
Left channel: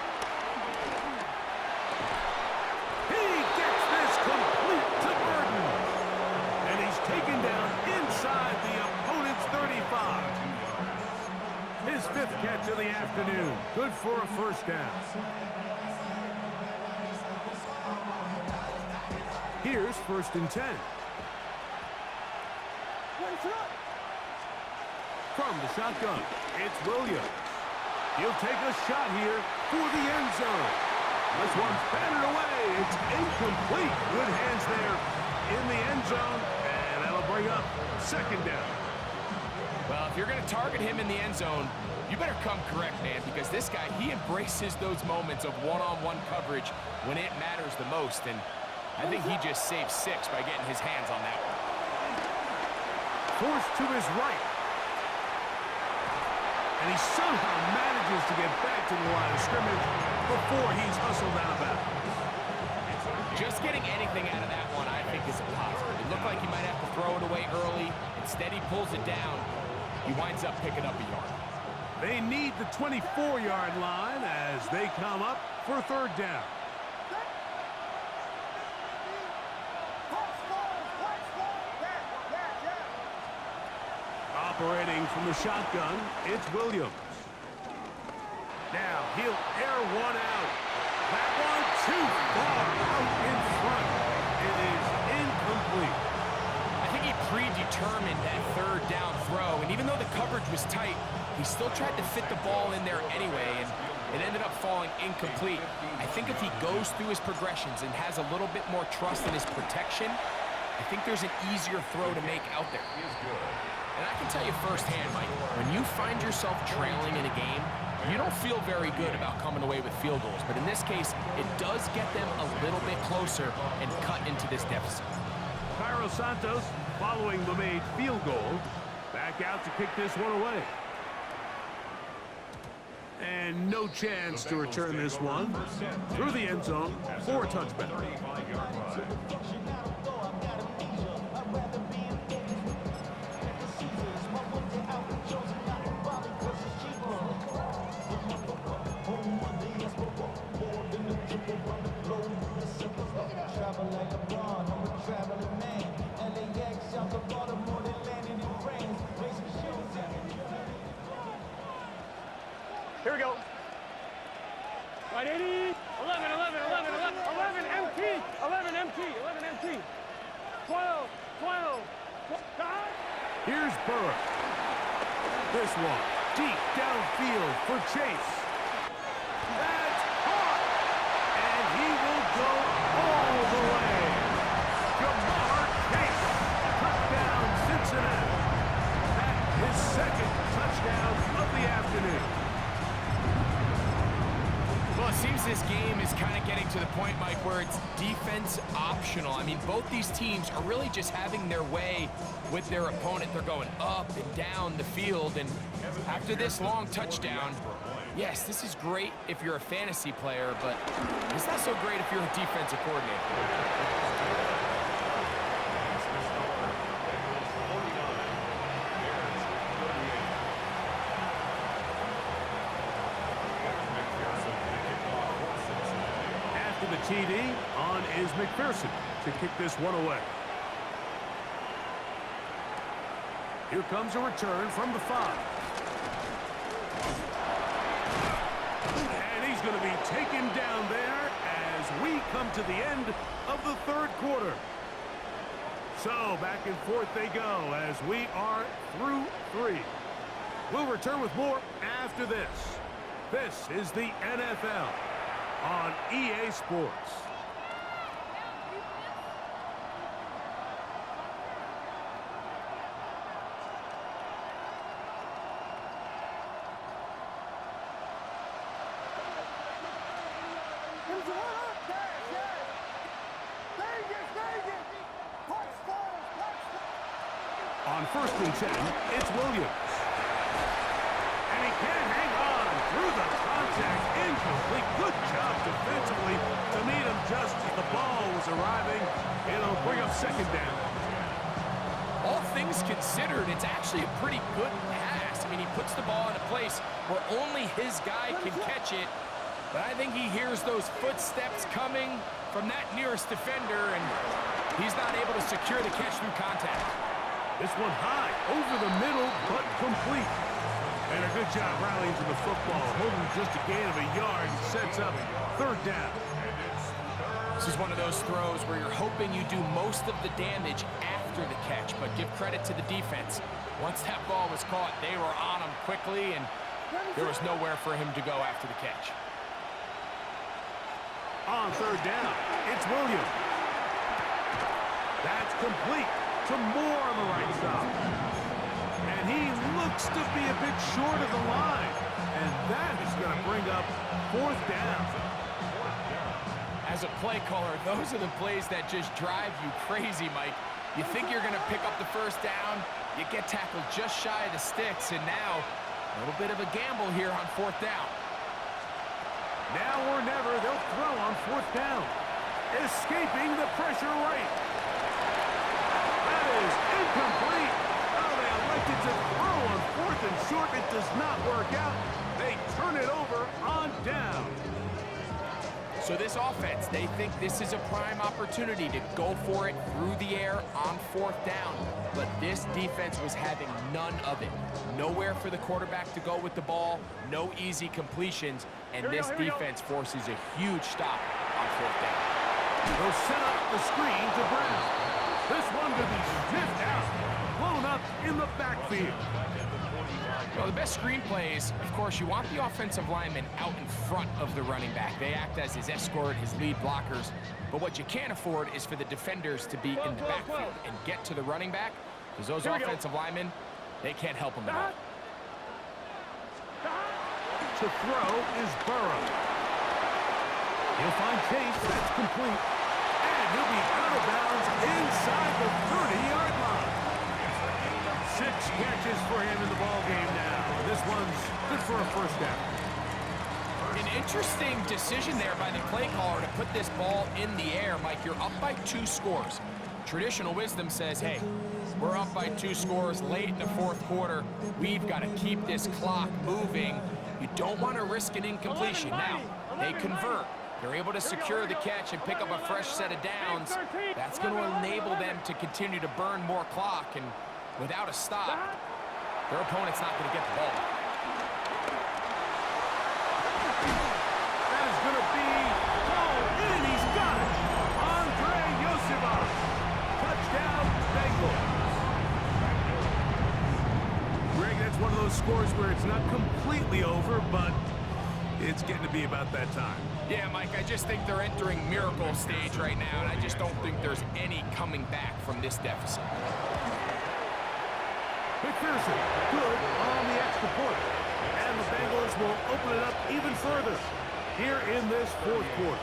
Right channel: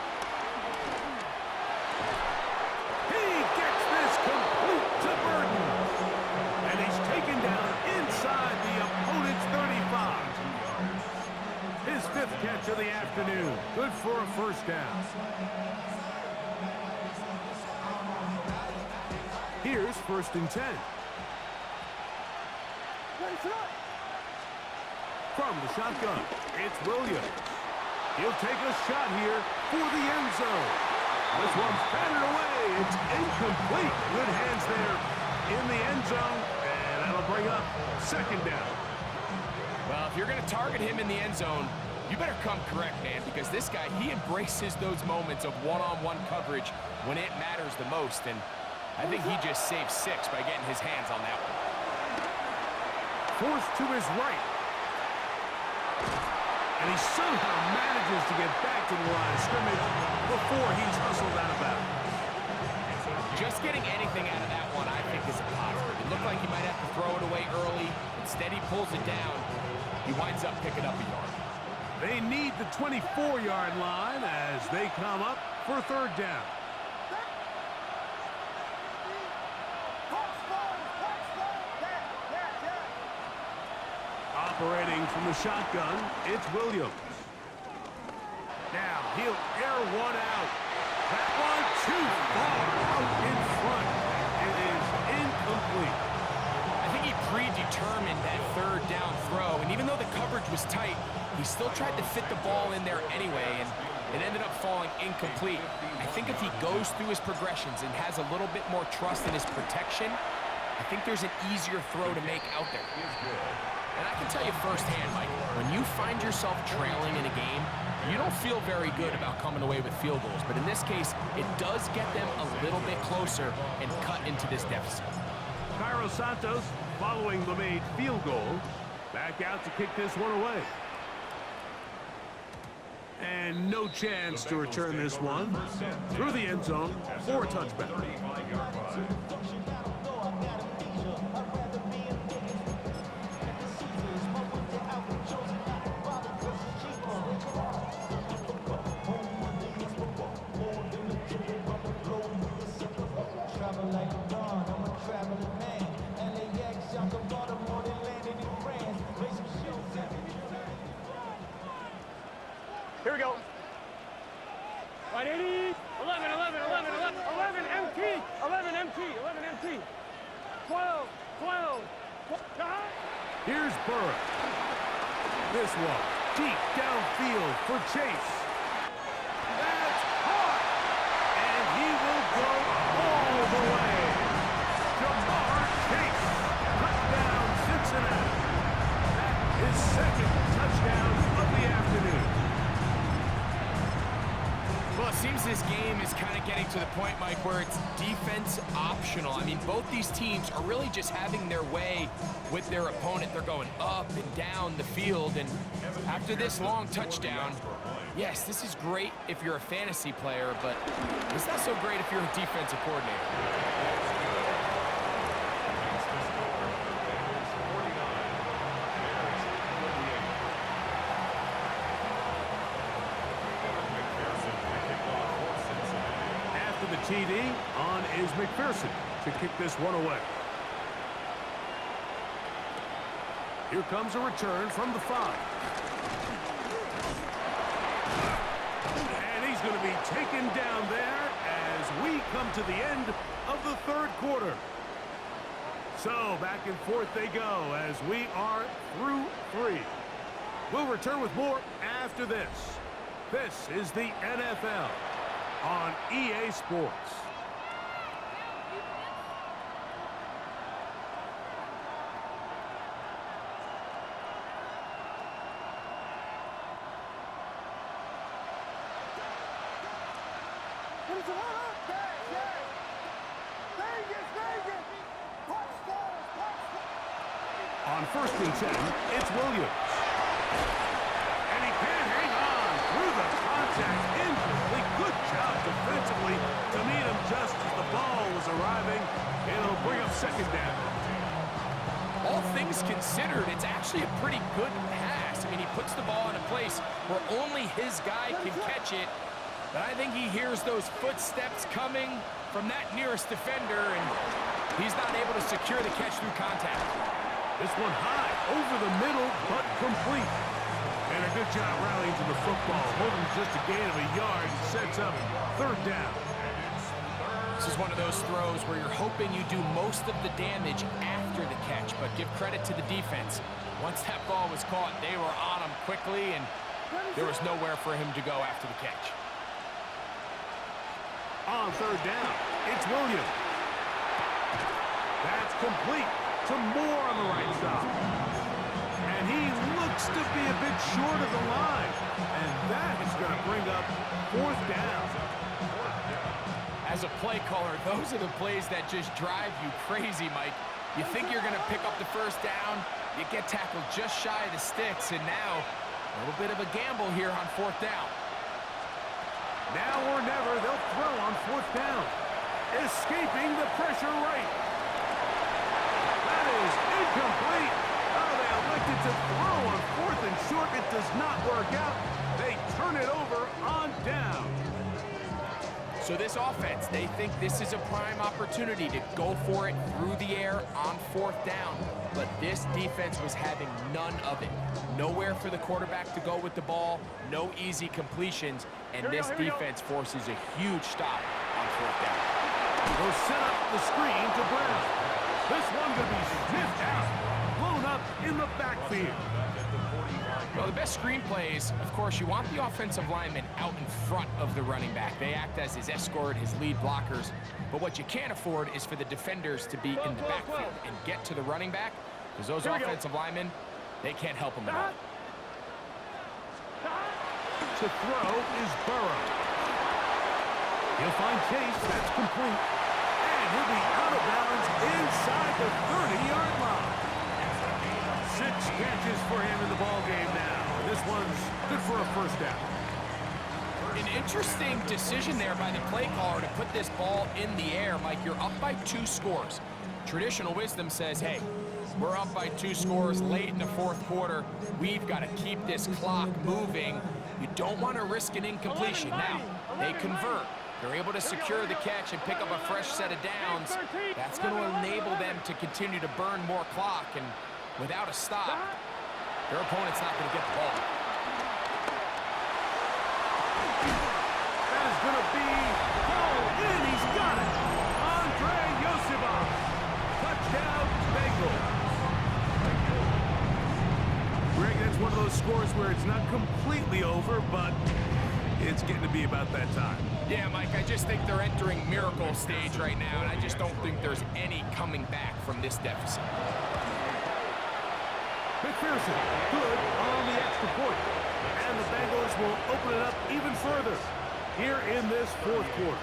He gets this complete to Burden. And he's taken down inside the opponent's 35. His 5th catch of the afternoon. Good for a 1st down. Here's 1st and 10. From the shotgun, it's Williams. He'll take a shot here for the end zone. This one's batted away. It's incomplete. Good hands there in the end zone, and that'll bring up 2nd down. Well, if you're going to target him in the end zone, you better come correct, man, because this guy, he embraces those moments of one-on-one coverage when it matters the most, and I think he just saved 6 by getting his hands on that one. Forced to his right. And he somehow manages to get back to the line of scrimmage before he's hustled out of bounds. Just getting anything out of that one, I think, is a positive. It looked like he might have to throw it away early. Instead, he pulls it down. He winds up picking up a yard. They need the 24-yard line as they come up for 3rd down. Operating from the shotgun, it's Williams. Now he'll air one out. That one too far out in front. It is incomplete. I think he predetermined that 3rd down throw, and even though the coverage was tight, he still tried to fit the ball in there anyway, and it ended up falling incomplete. I think if he goes through his progressions and has a little bit more trust in his protection, I think there's an easier throw to make out there. And I can tell you firsthand, Mike, when you find yourself trailing in a game, you don't feel very good about coming away with field goals. But in this case, it does get them a little bit closer and cut into this deficit. Cairo Santos, following the made field goal, back out to kick this one away. And no chance to return this one. Through the end zone for a touchback. 35-yard line. Travel like LeBron, I'm a traveling man. LAX, out to Baltimore, then landed in France. Raising shows. Here we go. Right, 80. 11, 11, 11, 11. 11 MT. 11 MT. 11 MT. 12, 12. Here's Burrow. This one deep downfield for Chase. That's hot. And he will go all the way. Jamar Chase. Touchdown, Cincinnati. That is second touchdown of the afternoon. Well, it seems this game is kind of getting to the point, Mike, where it's defense optional. I mean, both these teams are really just having their way with their opponent. They're going up and down the field, and after this long touchdown, yes, this is great if you're a fantasy player, but it's not so great if you're a defensive coordinator. That's the score. Bengals 49, Bears 38. Kevin McPherson to kick off for Cincinnati. After the TD, on is McPherson to kick this one away. Here comes a return from the 5. And he's going to be taken down there as we come to the end of the third quarter. So back and forth they go as we are through 3. We'll return with more after this. This is the NFL on EA Sports. On 1st and 10, it's Williams. And he can't hang on through the contact. Incomplete. Good job defensively to meet him just as the ball was arriving. It'll bring up 2nd down. All things considered, it's actually a pretty good pass. I mean, he puts the ball in a place where only his guy can catch it. But I think he hears those footsteps coming from that nearest defender, and he's not able to secure the catch through contact. This one high, over the middle, but complete. And a good job rallying to the football, holding just a gain of a yard, and sets up 3rd down. This is one of those throws where you're hoping you do most of the damage after the catch, but give credit to the defense. Once that ball was caught, they were on him quickly, and there was nowhere for him to go after the catch. On 3rd down, it's Williams. That's complete to Moore on the right side. And he looks to be a bit short of the line. And that is going to bring up 4th down. As a play caller, those are the plays that just drive you crazy, Mike. You think you're going to pick up the 1st down, you get tackled just shy of the sticks, and now a little bit of a gamble here on 4th down. Now or never, they'll throw on 4th down. Escaping the pressure right. That is incomplete. Oh, they elected to throw on 4th and short. It does not work out. They turn it over on down. So this offense, they think this is a prime opportunity to go for it through the air on 4th down. But this defense was having none of it. Nowhere for the quarterback to go with the ball, no easy completions, and this defense forces a huge stop on 4th down. They'll set up the screen to Brown. This one going to be sniffed out, blown up in the backfield. Well, the best screen plays, of course, you want the offensive lineman out in front of the running back. They act as his escort, his lead blockers. But what you can't afford is for the defenders to be in the backfield and get to the running back, because those offensive linemen, they can't help him at all. To throw is Burrow. He'll find Chase. That's complete. And he'll be out of bounds inside the 30-yard line. 6 catches for him in the ball game now. This one's good for a 1st down. An interesting decision there by the play caller to put this ball in the air. Mike, you're up by 2 scores. Traditional wisdom says, hey, we're up by 2 scores late in the 4th quarter. We've got to keep this clock moving. You don't want to risk an incompletion. Now, they convert. They're able to secure the catch and pick up a fresh set of downs. That's going to enable them to continue to burn more clock, and without a stop, their opponent's not going to get the ball. That is going to be hauled in. He's got it. Andre Yosifov. Touchdown, Bengals. Greg, that's one of those scores where it's not completely over, but it's getting to be about that time. Yeah, Mike, I just think they're entering miracle stage right now, and I just don't think there's any coming back from this deficit. McPherson, good on the extra point. And the Bengals will open it up even further here in this 4th quarter.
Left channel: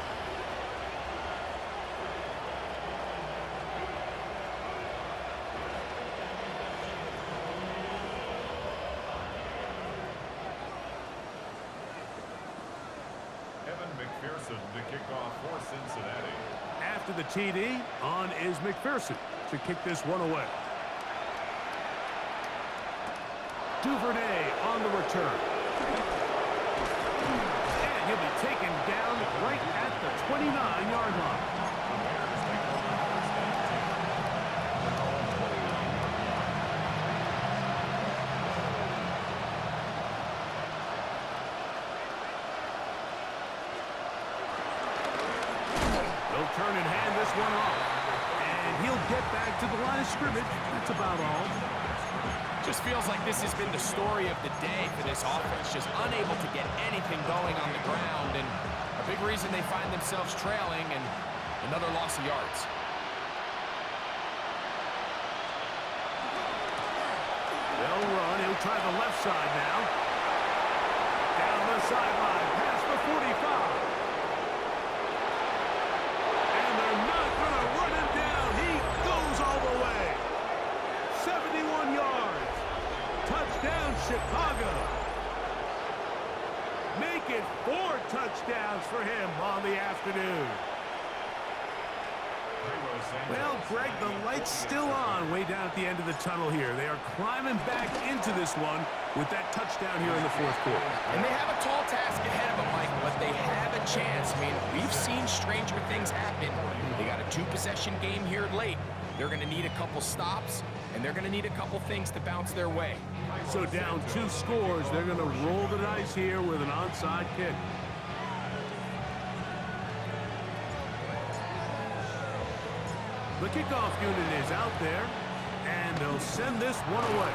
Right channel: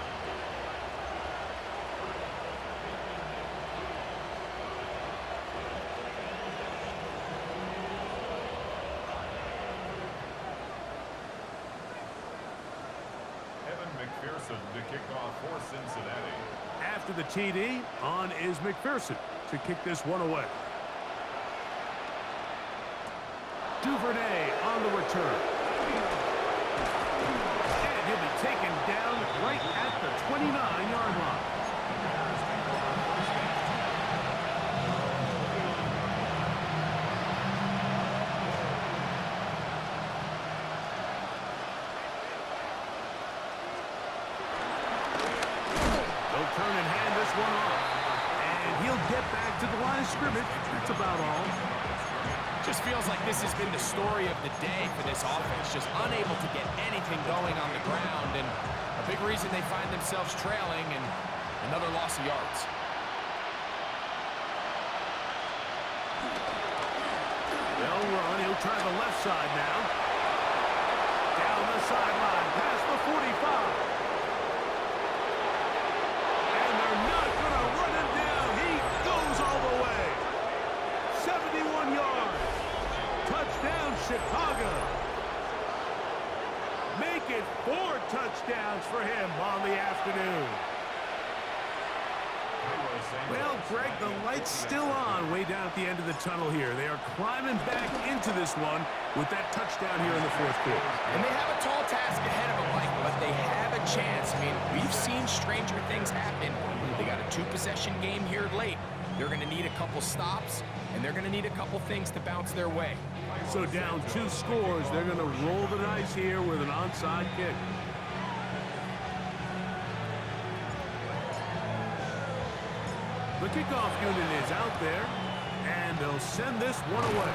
McPherson to kick off for Cincinnati. After the TD, on is McPherson to kick this one away. Duvernay on the return. And he'll be taken down right at the 29-yard line. The Bears take over first and 10. Their own 29-yard line. They'll turn and hand this one off. And he'll get back to the line of scrimmage. That's about all. Just feels like this has been the story of the day for this offense. Just unable to get anything going on the ground, and a big reason they find themselves trailing, and another loss of yards. They'll run. He'll try the left side now. Down the sideline, past the 45. And they're not going to run him down. He goes all the way. 71 yards. Touchdown, Chicago. Make it 4 touchdowns for him on the afternoon. Well, Greg, the light's still on way down at the end of the tunnel here. They are climbing back into this one with that touchdown here in the 4th quarter. And they have a tall task ahead of them, Mike, but they have a chance. I mean, we've seen stranger things happen. They got a 2-possession game here late. They're going to need a couple stops, and they're going to need a couple things to bounce their way. So down 2 scores, they're going to roll the dice here with an onside kick. The kickoff unit is out there, and they'll send this one away.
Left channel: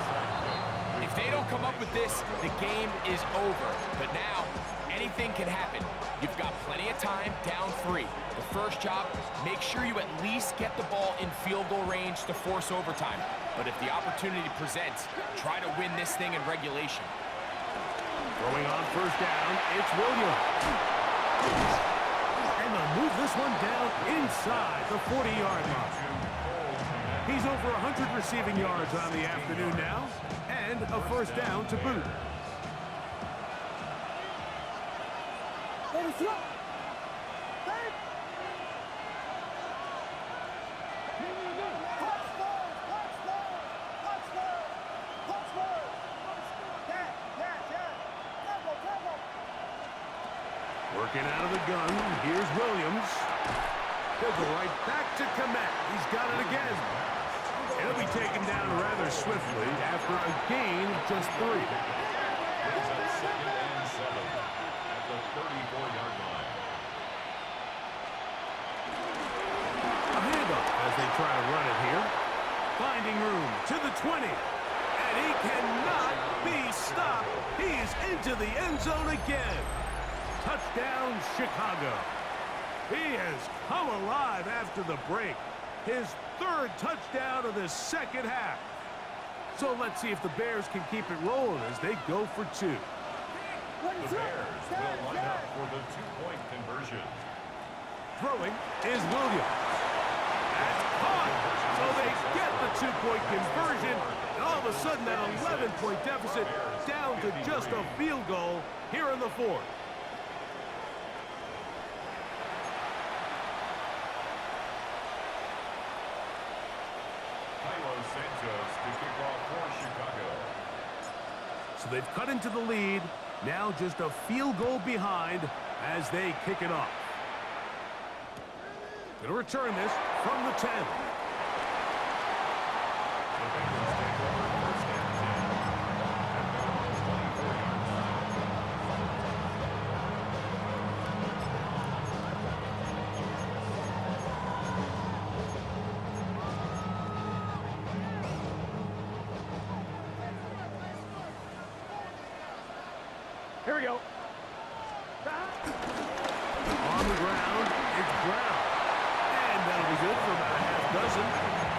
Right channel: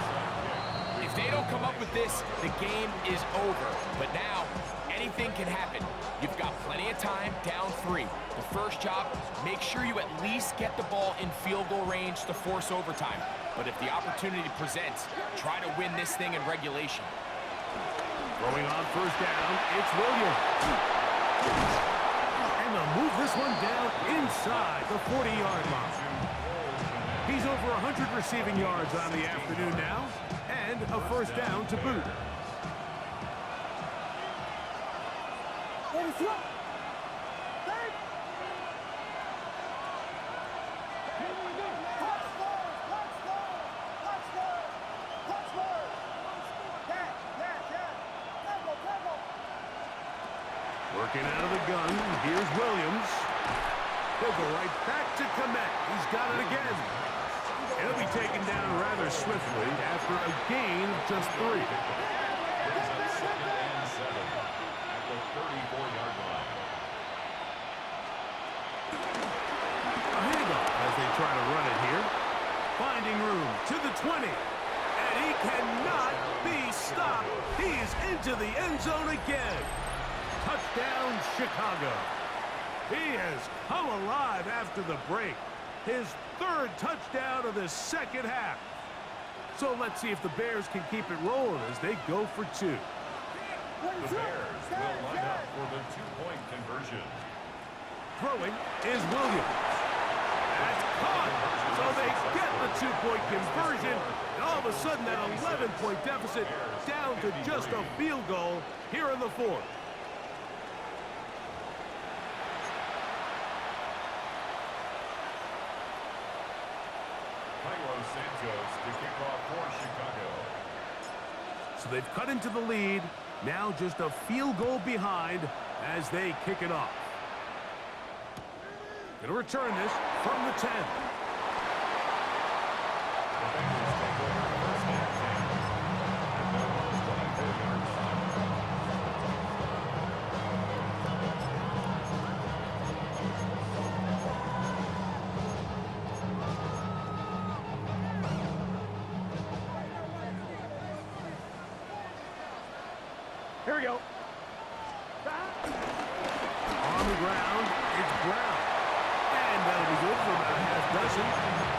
If they don't come up with this, the game is over. But now, anything can happen. You've got plenty of time, down 3. The first job, make sure you at least get the ball in field goal range to force overtime. But if the opportunity presents, try to win this thing in regulation. Throwing on first down, it's Williams. And they'll move this one down inside the 40-yard line. He's over 100 receiving yards on the afternoon now, and a first down to boot. Working out of the gun, here's Williams. He'll go right back to Komet. He's got it again. He'll be taken down rather swiftly after a gain of just 3. Brings up 2nd and 7 at the 34-yard line. A handoff as they try to run it here. Finding room to the 20. And he cannot be stopped. He is into the end zone again. Touchdown, Chicago. He has come alive after the break. His 3rd touchdown of the second half. So let's see if the Bears can keep it rolling as they go for 2. The Bears will line up for the 2-point conversion. Throwing is Williams. That's caught. So they get the 2-point conversion. And all of a sudden that 11-point deficit down to just a field goal here in the 4th. Santos to kick off for Chicago. So they've cut into the lead. Now just a field goal behind as they kick it off. Going to return this from the 10. The Bengals take over first and 10 at their own 24-yard line. Here we go. On the ground, it's Brown. And that'll be good for about a half dozen.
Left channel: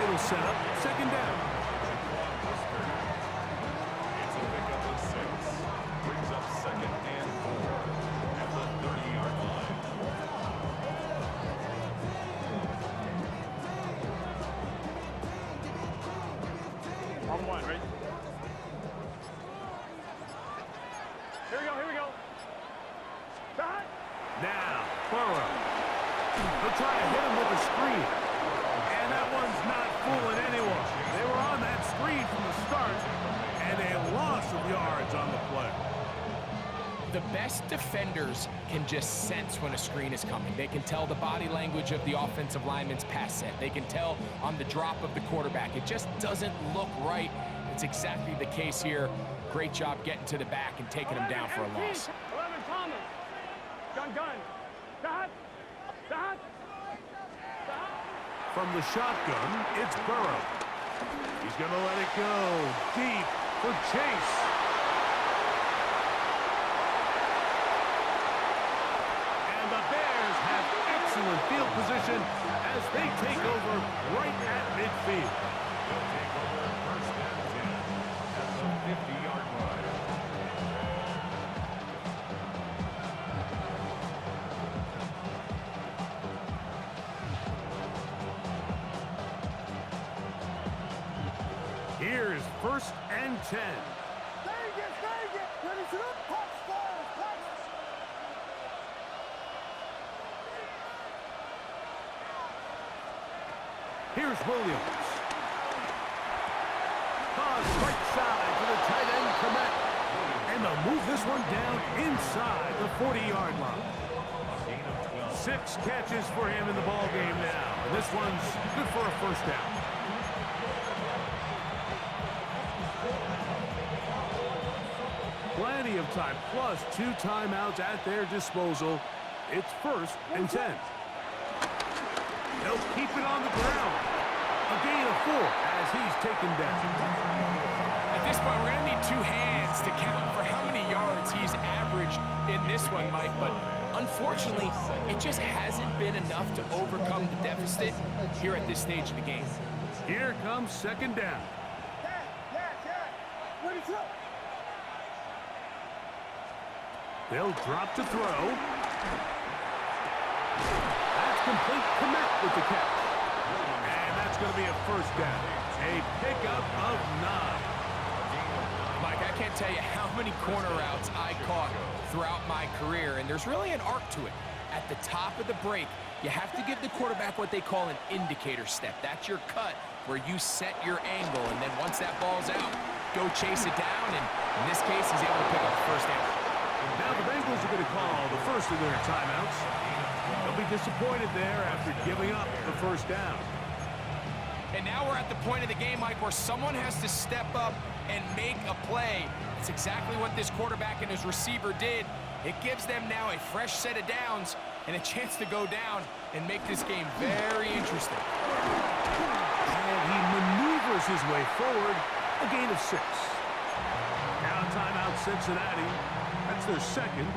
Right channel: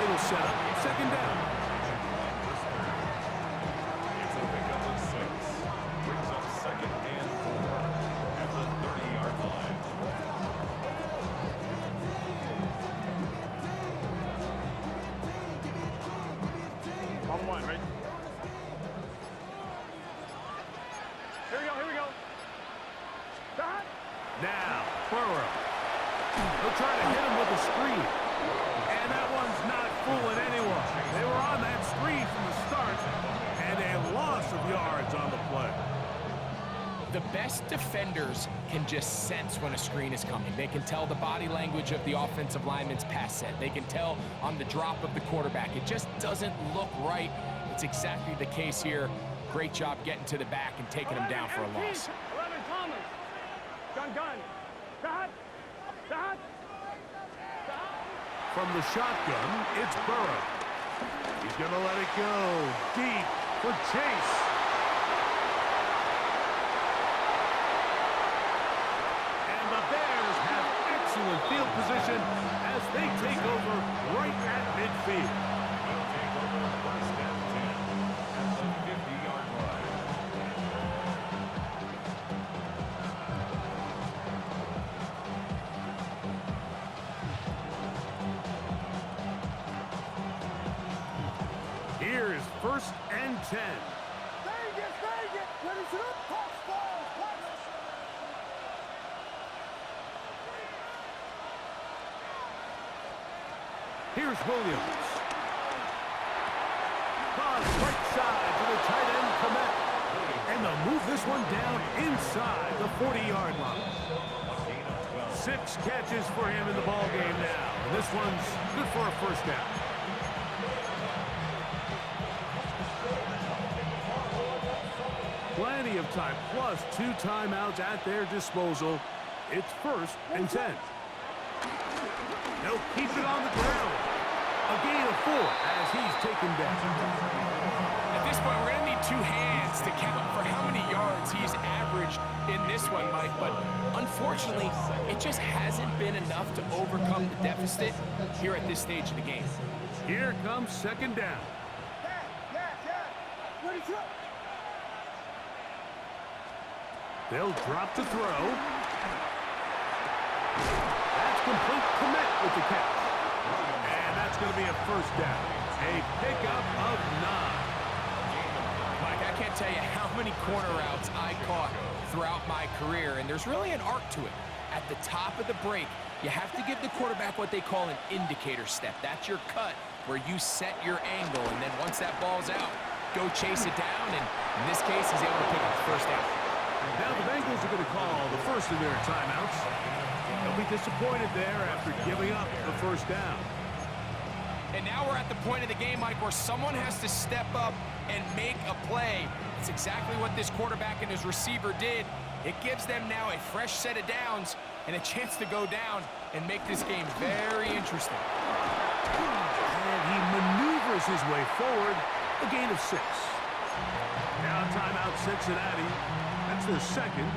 It'll set up second down. It's a pickup of 6. Brings up second and 4 at the 30-yard line. On one, right? Here we go, here we go. Back. Now, Burrow. They'll try to hit him with a screen. And that one's not fooling anyone. They were on that screen from the start, and a loss of yards on the play. The best defenders can just sense when a screen is coming. They can tell the body language of the offensive lineman's pass set. They can tell on the drop of the quarterback. It just doesn't look right. It's exactly the case here. Great job getting to the back and taking him down for a loss. 11 Thomas. Gun. Dot. From the shotgun, it's Burrow. He's going to let it go deep for Chase. And the Bears have excellent field position as they take over right at midfield. They'll take over first and 10 at the 50-yard line. Here is first and 10. Vegas. Ready to the punch, punch. Here's Williams. Toss right side to the tight end, Komet. And they'll move this one down inside the 40-yard line. A gain of 12. 6 catches for him in the ball game now. And this one's good for a first down. Plenty of time, plus 2 timeouts at their disposal. It's first and 10. They'll keep it on the ground. A gain of 4 as he's taken down. At this point, we're going to need 2 hands to count for how many yards he's averaged in this one, Mike. But unfortunately, it just hasn't been enough to overcome the deficit here at this stage of the game. Here comes second down. Ready to go. They'll drop to throw. That's complete. Komet with the catch. And that's going to be a first down. A pickup of 9. Mike, I can't tell you how many corner routes I caught throughout my career, and there's really an art to it. At the top of the break, you have to give the quarterback what they call an indicator step. That's your cut where you set your angle, and then once that ball's out, go chase it down, and in this case, he's able to pick up the first down. Now the Bengals are going to call the first of their timeouts. They'll be disappointed there after giving up the first down. And now we're at the point of the game, Mike, where someone has to step up and make a play. It's exactly what this quarterback and his receiver did. It gives them now a fresh set of downs and a chance to go down and make this game very interesting. And he maneuvers his way forward, a gain of 6. Now timeout Cincinnati. That's their second,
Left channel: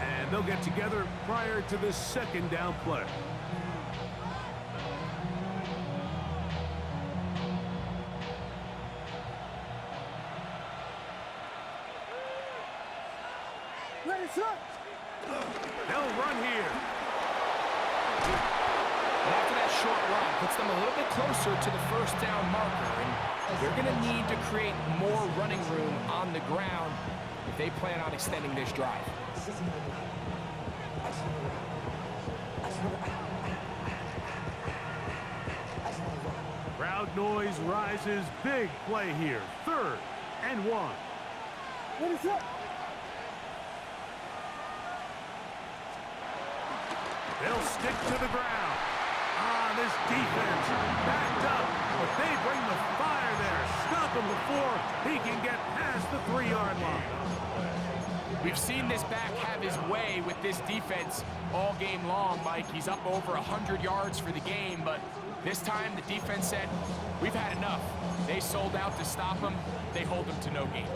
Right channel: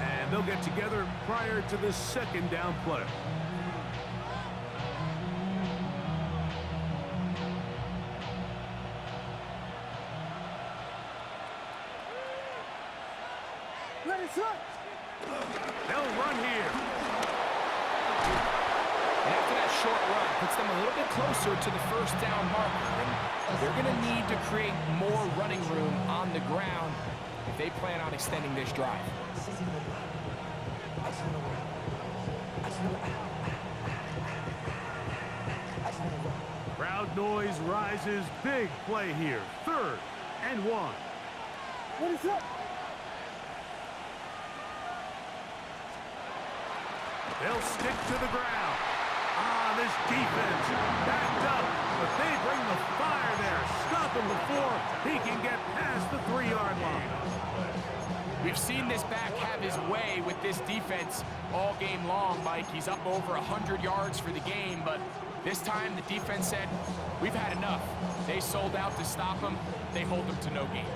and they'll get together prior to this second down play. Ready to go. They'll run here. And after that short run, puts them a little bit closer to the first down marker, and they're going to need to create more running room on the ground if they plan on extending this drive. Crowd noise rises. Big play here. 3rd and 1. What is up? They'll stick to the ground. This defense backed up, but they bring the fire there. Stop him before he can get past the 3-yard line. We've seen this back have his way with this defense all game long, Mike. He's up over 100 yards for the game, but this time the defense said, we've had enough. They sold out to stop him. They hold him to no gain.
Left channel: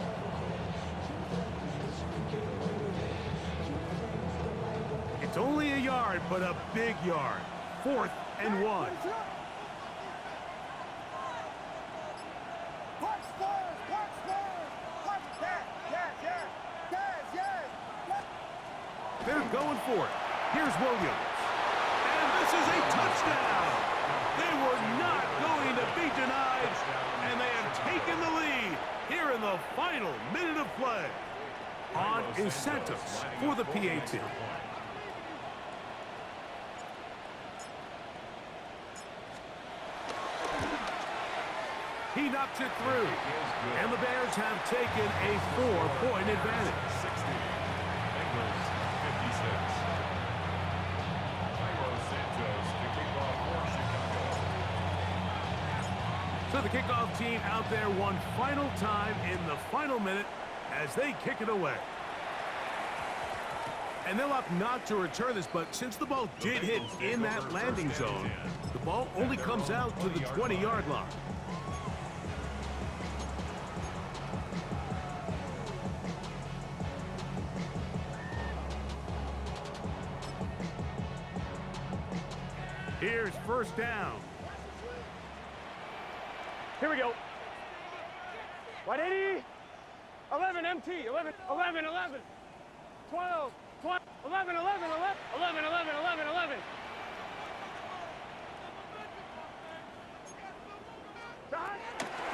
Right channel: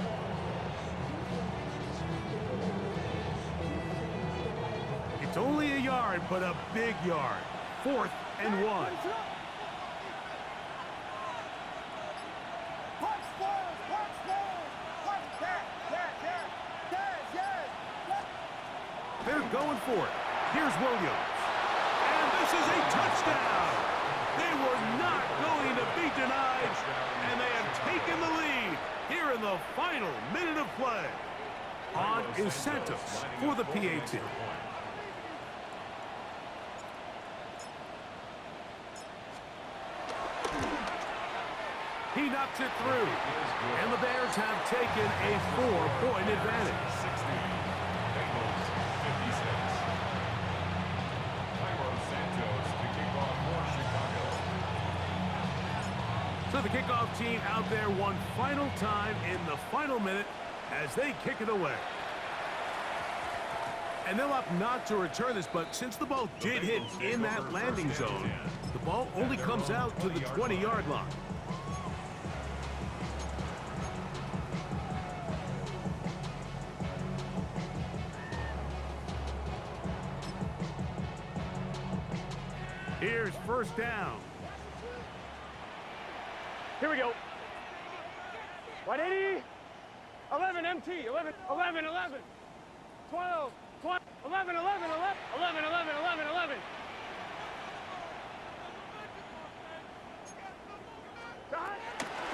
It's only a yard, but a big yard. 4th and 1. They're going for it. Here's Williams. And this is a touchdown. They were not going to be denied, and they have taken the lead here in the final minute of play. On incentives for the PAT. He knocks it through, and the Bears have taken a 4-point advantage. 60. Bengals 56. Cairo Santos to kick off for Chicago. So the kickoff team out there one final time in the final minute as they kick it away. And they'll opt not to return this, but since the ball did hit in that landing zone, the ball only comes out to the 20-yard line. Here's 1st down. Here we go. 180. 11 MT. 11, 11, 11. 12, 12, 11, 11, 11, 11, 11, 11, 11.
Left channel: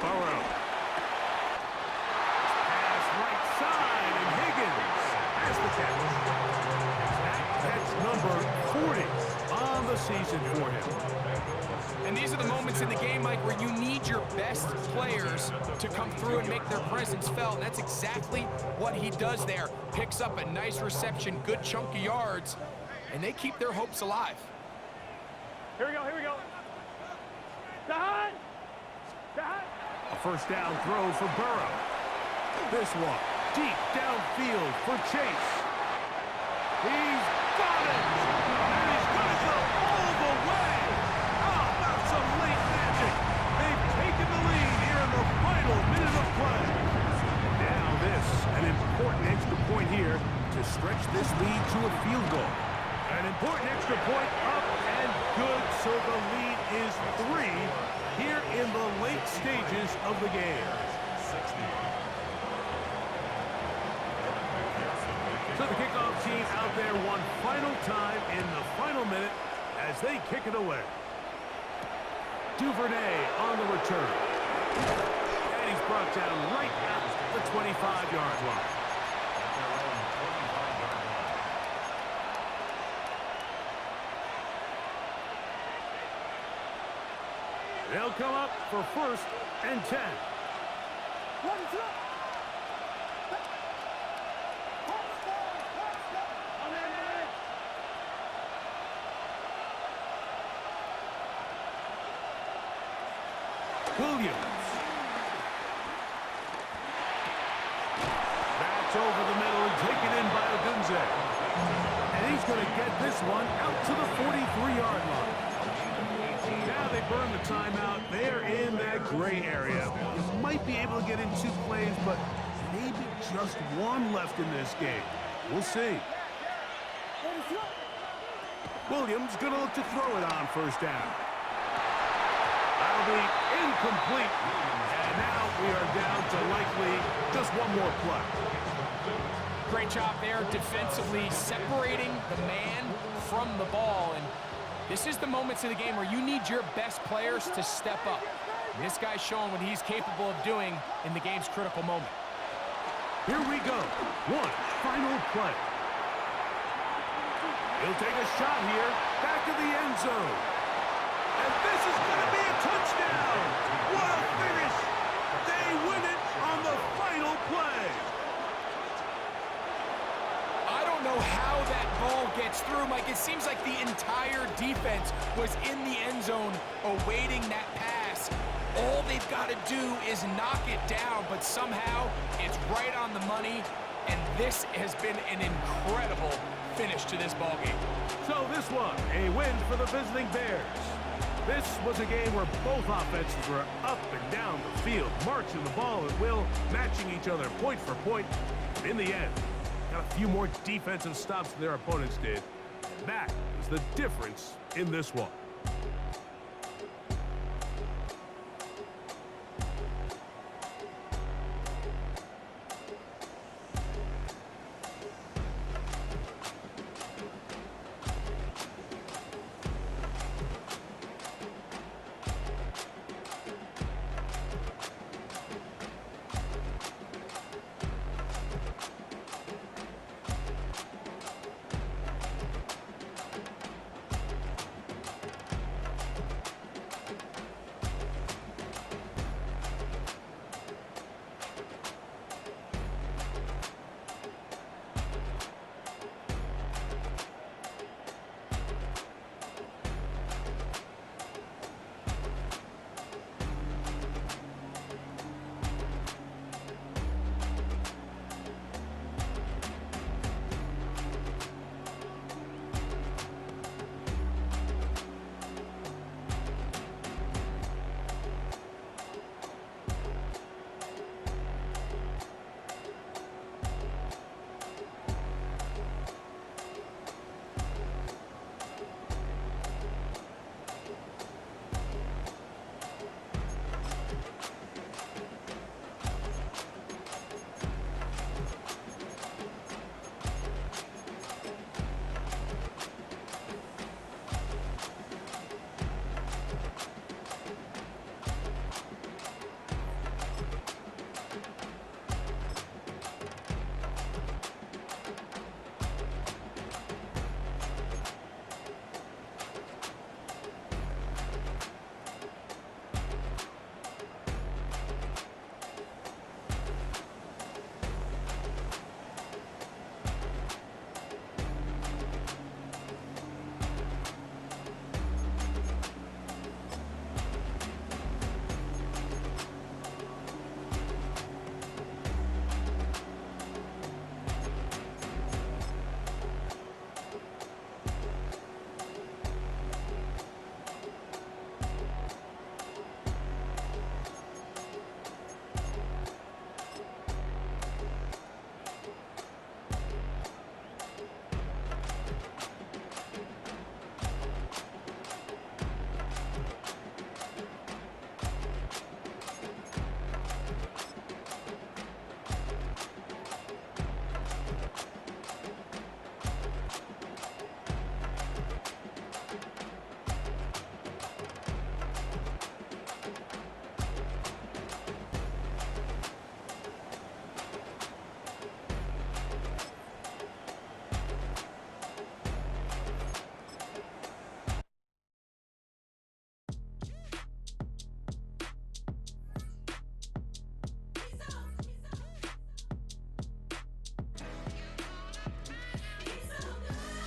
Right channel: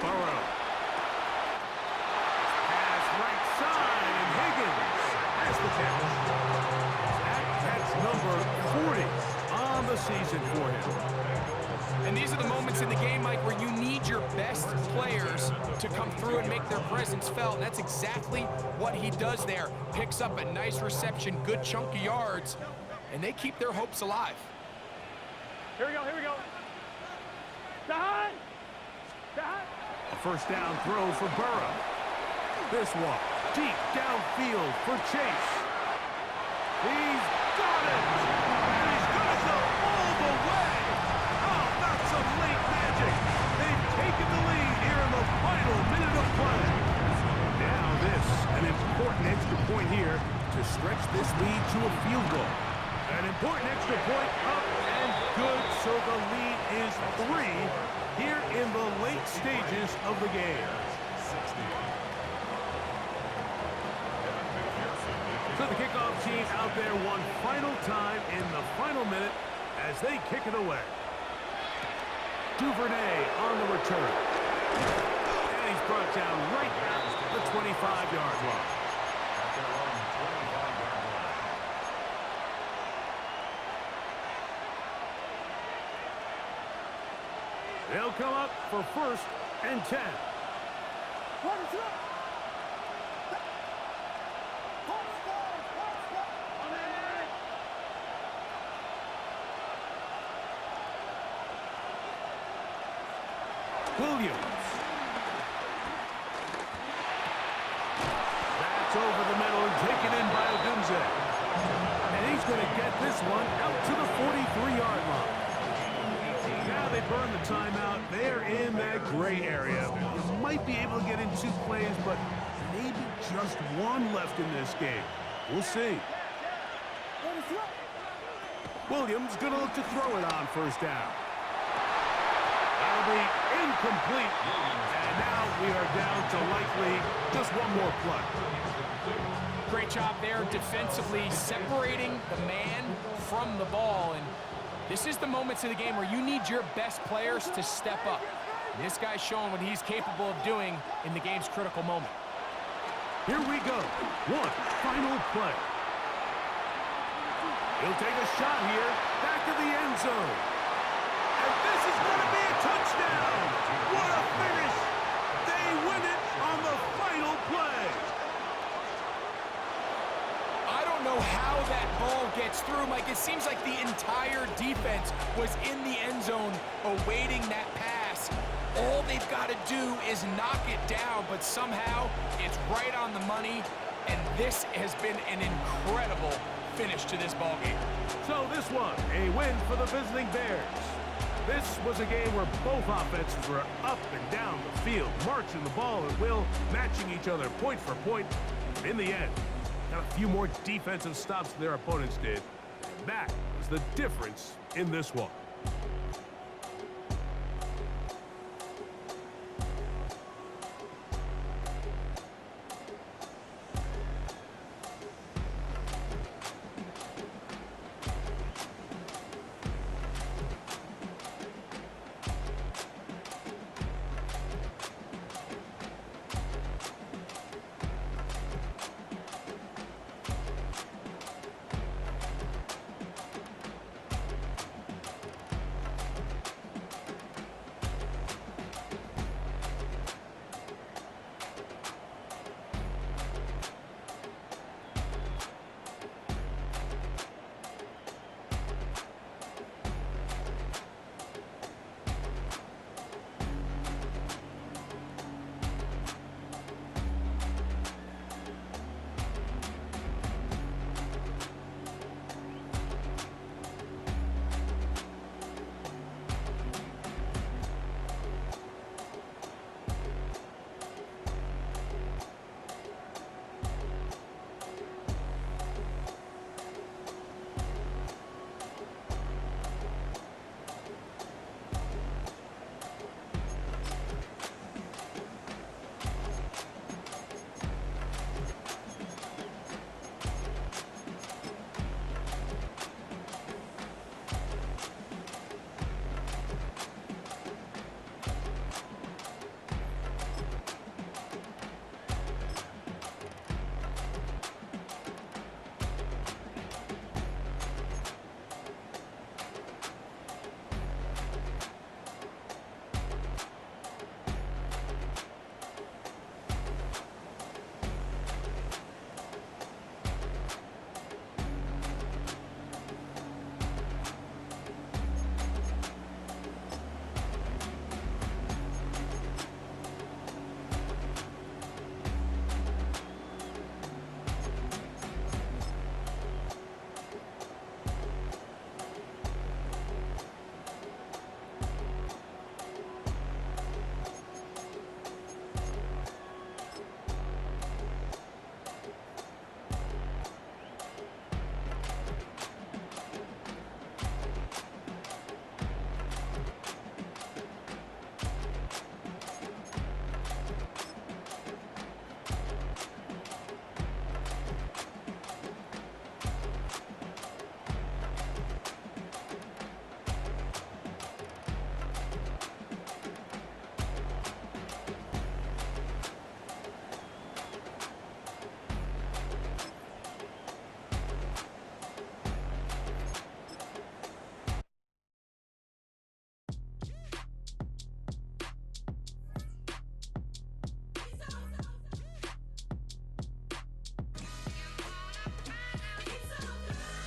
Burrow. Pass right side, and Higgins has the catch. That catch number 40 on the season for him. And these are the moments in the game, Mike, where you need your best players to come through and make their presence felt. And that's exactly what he does there. Picks up a nice reception, good chunk of yards, and they keep their hopes alive. Here we go, here we go. Down! Down! A 1st down throw for Burrow. This one, deep downfield for Chase. He's got it! And he's going to go all the way! How about some late magic? They've taken the lead here in the final minute of play. Now this, an important extra point here to stretch this lead to a field goal. An important extra point up and good, so the lead is 3 here in the late stages of the game. 60. So the kickoff team out there one final time in the final minute as they kick it away. Duvernay on the return. And he's brought down right at the 25-yard line. At their own 25-yard line. They'll come up for 1st and 10. What is up? Williams. That's over the middle and taken in by Odunze. And he's going to get this one out to the 43-yard line. Now they burn the timeout. They're in that gray area. You might be able to get in 2 plays, but maybe just 1 left in this game. We'll see. Williams going to look to throw it on 1st down. That'll be incomplete. And now we are down to likely just 1 more play. Great job there defensively, separating the man from the ball. And this is the moments of the game where you need your best players to step up. And this guy's showing what he's capable of doing in the game's critical moment. Here we go. 1 final play. He'll take a shot here, back to the end zone. And this is going to be a touchdown. What a finish. They win it on the final play. I don't know how that ball gets through, Mike. It seems like the entire defense was in the end zone awaiting that pass. All they've got to do is knock it down, but somehow it's right on the money, and this has been an incredible finish to this ball game. So this one, a win for the visiting Bears. This was a game where both offenses were up and down the field, marching the ball at will, matching each other point for point. But in the end, got a few more defensive stops than their opponents did, and that was the difference in this one.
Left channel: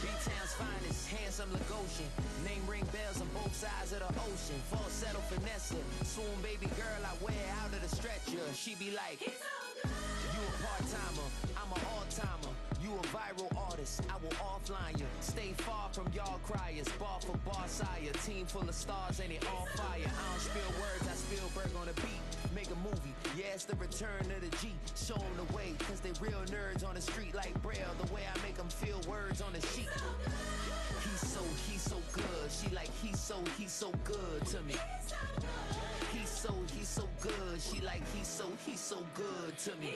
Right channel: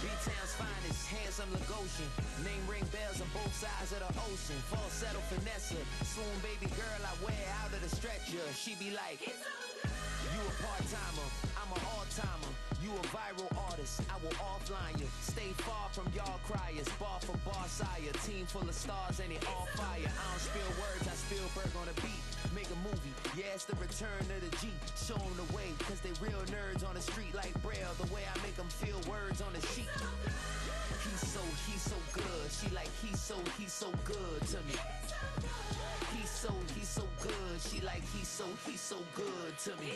B-Town's finest, handsome Lagosian. Name ring bells on both sides of the ocean. Falsetto finesse, swoon baby girl I wear out of the stretcher. She be like, you a part-timer, I'm an all-timer. You a viral artist, I will offline you. Stay far from y'all criers, bar for bar sire. Team full of stars and it all fire. I don't spill words, I Spielberg on a beat. Make a movie, yeah, it's the return of the G. Show them the way, cause they real nerds on the street like Braille. The way I make them feel words on the sheet. He's so good. She like, he's so good to me. He's so good. She like, he's so good to me.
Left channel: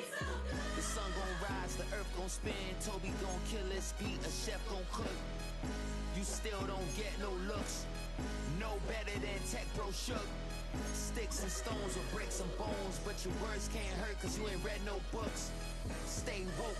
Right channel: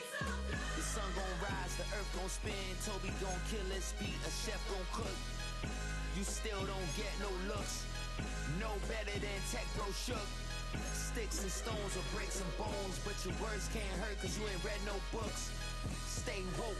The sun gon' rise, the earth gon' spin. Toby gon' kill this beat, a chef gon' cook. You still don't get no looks. No better than Tech Bro Shook. Sticks and stones will break some bones, but your words can't hurt cause you ain't read no books. Stay woke.